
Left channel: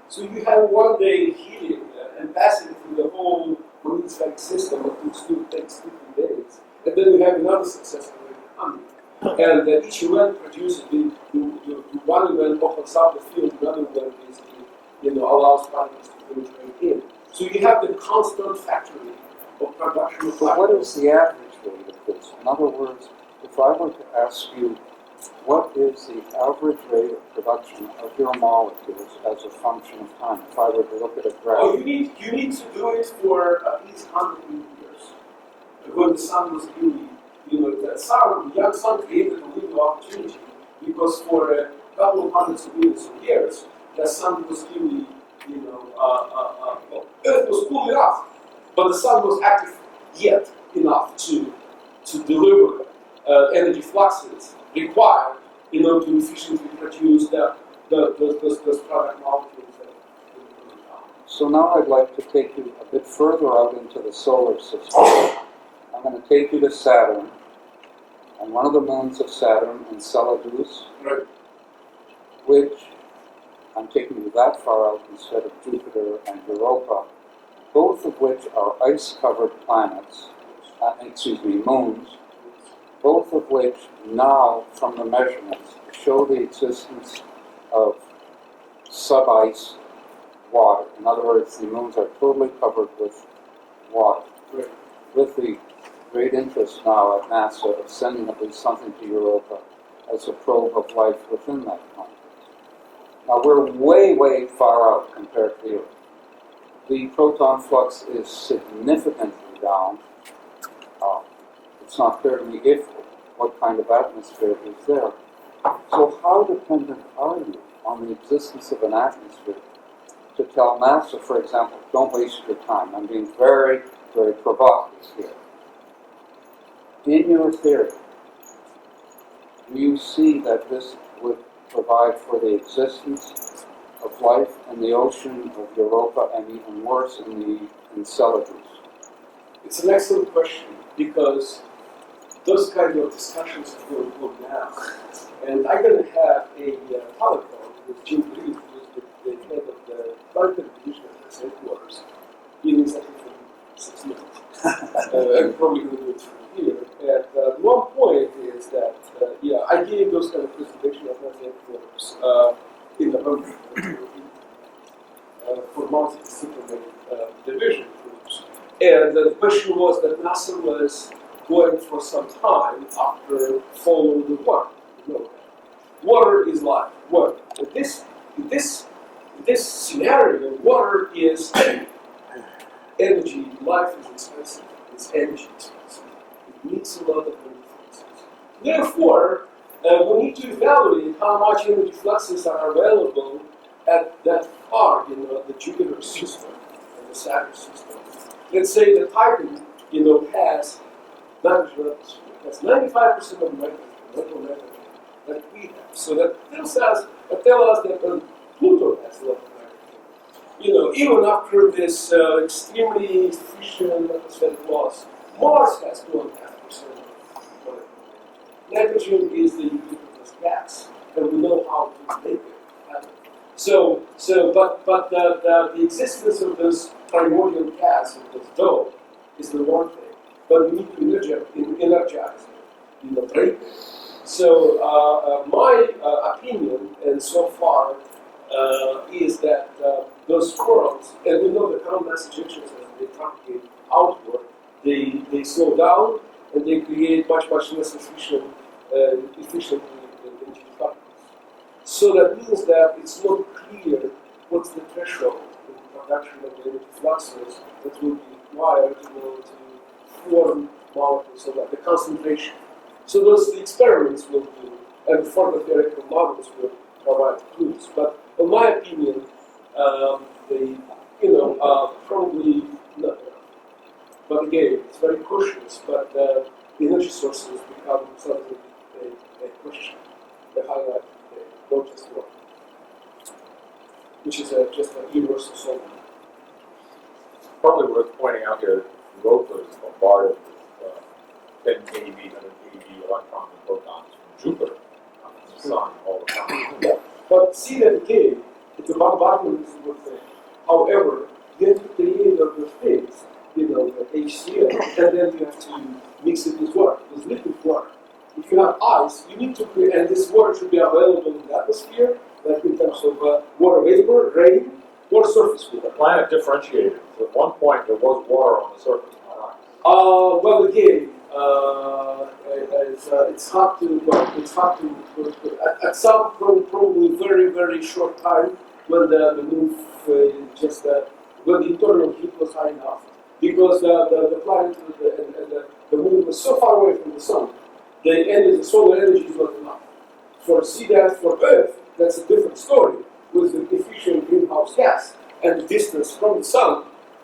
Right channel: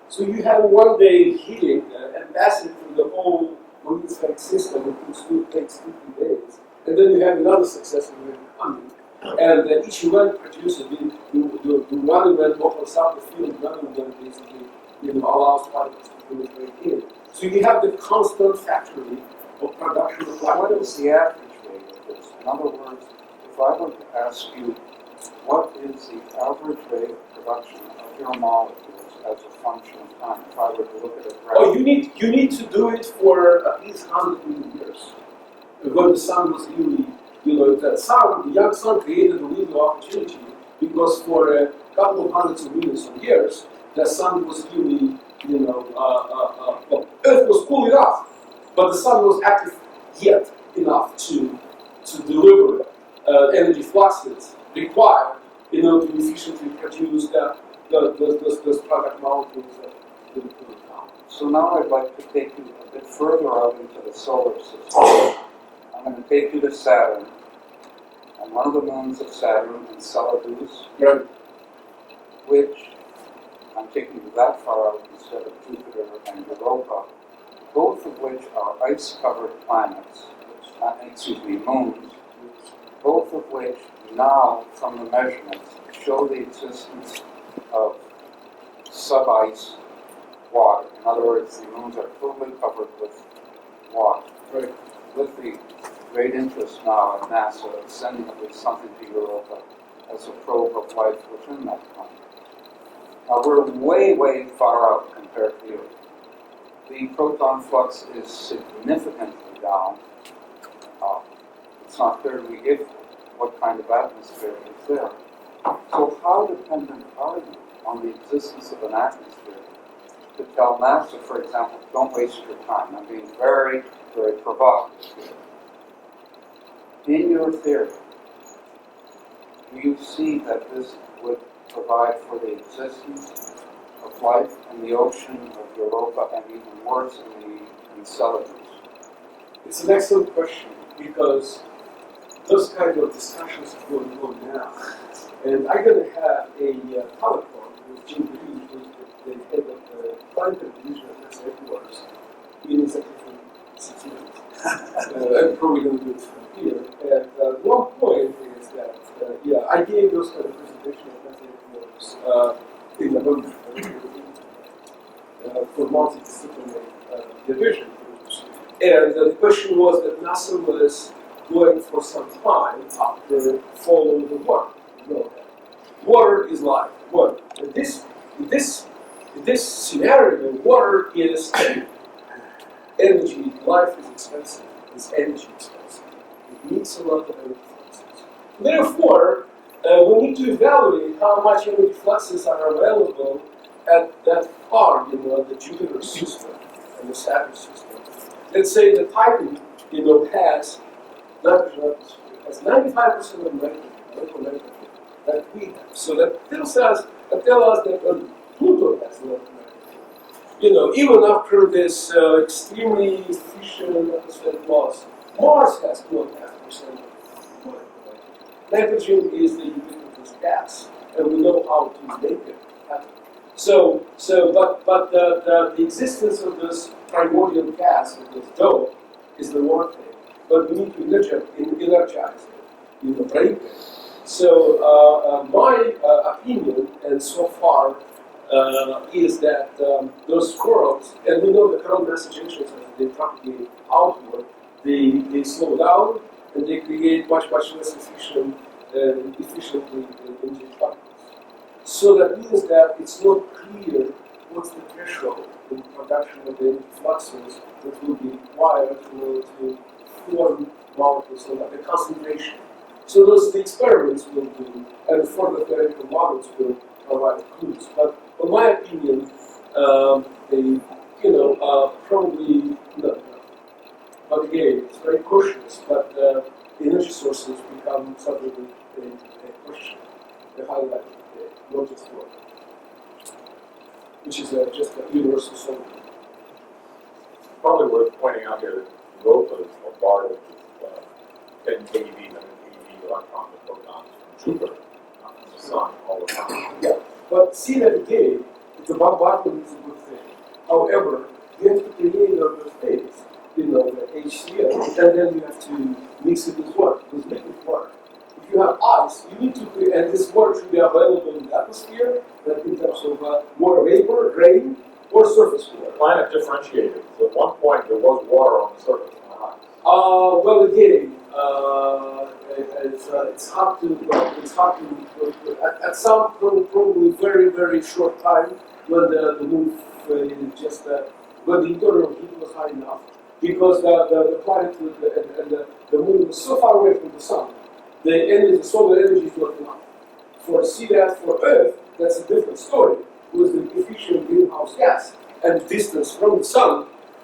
So you have one day hitting and passing through the whole magnetospheric system, it takes 2 to 3 days. And then you have another successful event coming. And each event produces, the one event opens up the field, another event basically allows particles to penetrate in. So you have the constant factory of production of But what black is the average rate of this? In other words, if I were to ask you, what is the average rate of production of your molecules as a function of time? If I were to look at a graph. Oh, you need to do it for at least 100 million years. When the sun was really, the young sun created a window of opportunity because for a couple of hundreds of millions of years, the sun was really well, Earth was cool enough, but the sun was active yet enough to deliver energy fluxes required in order to efficiently produce those product molecules that will cool down. So now I'd like to take you a bit further out into the solar system. I'm going to take you to Saturn, and one of the moons of Saturn, Enceladus, Right. which I'm taking you that far out instead of Jupiter and Europa, both of which are ice-covered planets, moons, both of which now, from the measurements, show the existence of sub-ice water. In other words, the moons are totally covered with water. Right. With the great interest now at NASA of sending at least something to Europa as a probe of life within that planet. Now we're way, way far out compared to the Earth. The proton flux is significantly down. It's not clear to me what kind of atmosphere is there. So how dependent are you on the existence of an atmosphere to tell NASA, for example, don't waste your time? I'm being very, very provocative here. In your theory, do you see that this would provide for the existence of life in the ocean of Europa and even worse in the Enceladus? It's an excellent question because those kind of discussions are going on now. And I'm going to have a telephone with Jim Green, who's the head of the planetary division at NASA headquarters, in exactly 6 minutes. I'm probably going to do it from here. And one point is that, I gave those kind of presentations at NASA headquarters in November for multidisciplinary division groups. And the question was that NASA was going for some time after following the water. You know that. Water is life. Well, in this scenario, water is energy. Life is expensive. It's energy expensive. It needs a lot of energy fluxes. Therefore, we need to evaluate how much energy fluxes are available at that far, at the Jupiter system and the Saturn system. Let's say the Titan, has nitrogen atmosphere. It has 95% of nitrogen, molecular nitrogen, that we have. So that tells us that Pluto has a lot of nitrogen. Even after this extremely efficient atmospheric loss, Mars has 2.5% of molecular nitrogen. Nitrogen is the ubiquitous gas, and we know how to make it happen. But the existence of this primordial gas and this dope is the one thing. But we need to energize it, break it. So my opinion, and so far, is that those worlds, and we know the coronal mass ejections as they propagate outward, they slow down and they create much less efficiently energy particles. So that means that it's not clear what's the threshold in production of the energy fluxes that will be required to form molecules or the concentration. So the experiments will do, and further theoretical models will provide clues. But in my opinion, they probably not enough. But again, it's very cautious. But energy sources become suddenly a question, a highlight, not just one, which is just a universal solvent. Probably worth pointing out here that Europa is bombarded with 10 keV, 100 keV electrons and protons from Jupiter, not from the Sun, all the time. Yeah, but see that again, the bombardment is a good thing. However, you have to create other things, the HCl, and then you have to mix it with water, with liquid water. If you have ice, you need to create, and this water should be available in the atmosphere, like in terms of water vapor, rain, or surface water. The planet differentiated. So at one point there was water on the surface, not ice. Well, again, it's hard to at some probably very, very short time when the moon just when the internal heat was high enough, because the planet and the moon was so far away from the sun, the solar energy is not enough. For Earth, that's a different story with the efficient greenhouse gas. and distance from the sun,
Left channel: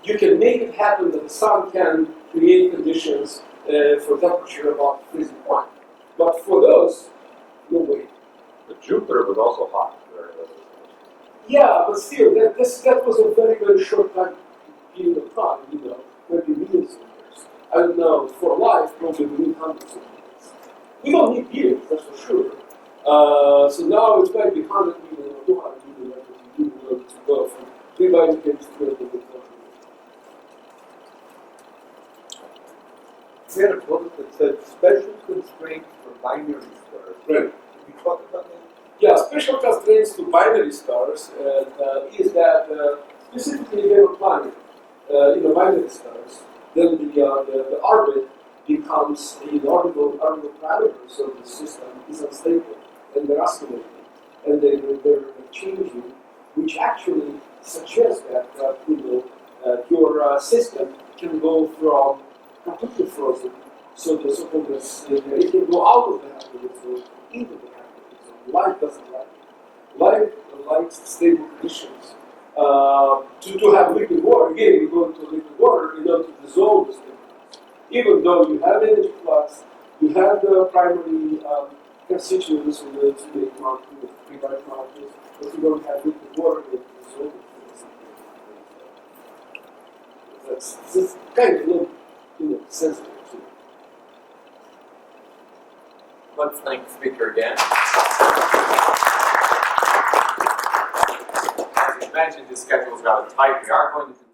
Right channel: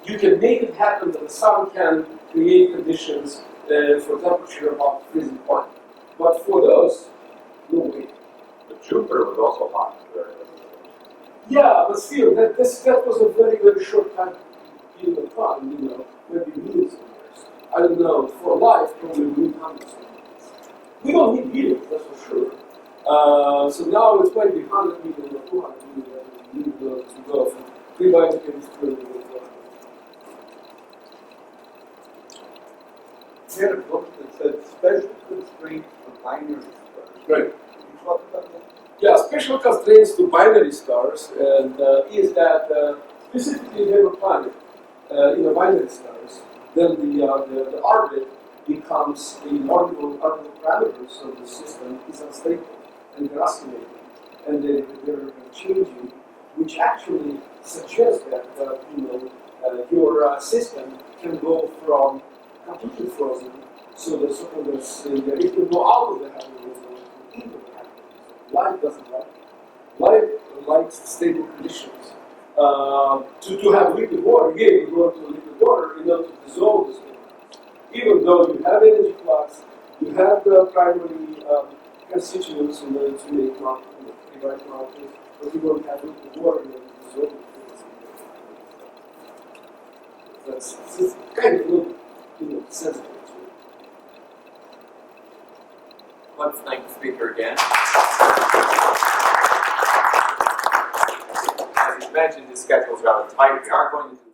you can make it happen that the sun can create conditions for temperature above freezing point. But for those, no way. But Jupiter was also hot during the Yeah, but still, that was a very, very short time period of time, maybe millions of years. I don't know, for life, probably we need hundreds of years. We don't need billions, that's for sure. So now it's maybe 100 million or 200 million that we need in order to go from pre-biochemistry all the way to We had a book that said special constraints for binary stars. Right. Can you talk about that? Yeah, special constraints to binary stars, and is that specifically they were planted in the binary stars, then the orbit becomes orbital parameters of the system is unstable, and they're oscillating, and they're changing, which actually suggests that your system can go from completely frozen, so the so-called it can go out of the habitable zone into the habitable zone. Life doesn't like it. Life likes stable conditions. To have liquid water, again, we go into liquid water in order to dissolve the stable. Even though you have energy flux, you have the primary constituents in order to make pre-bite molecules, but you don't have liquid water in order to dissolve it. That's kind of little sensitive too. Let's thank the speaker again. As you mentioned, the schedule is rather tight. We are going to do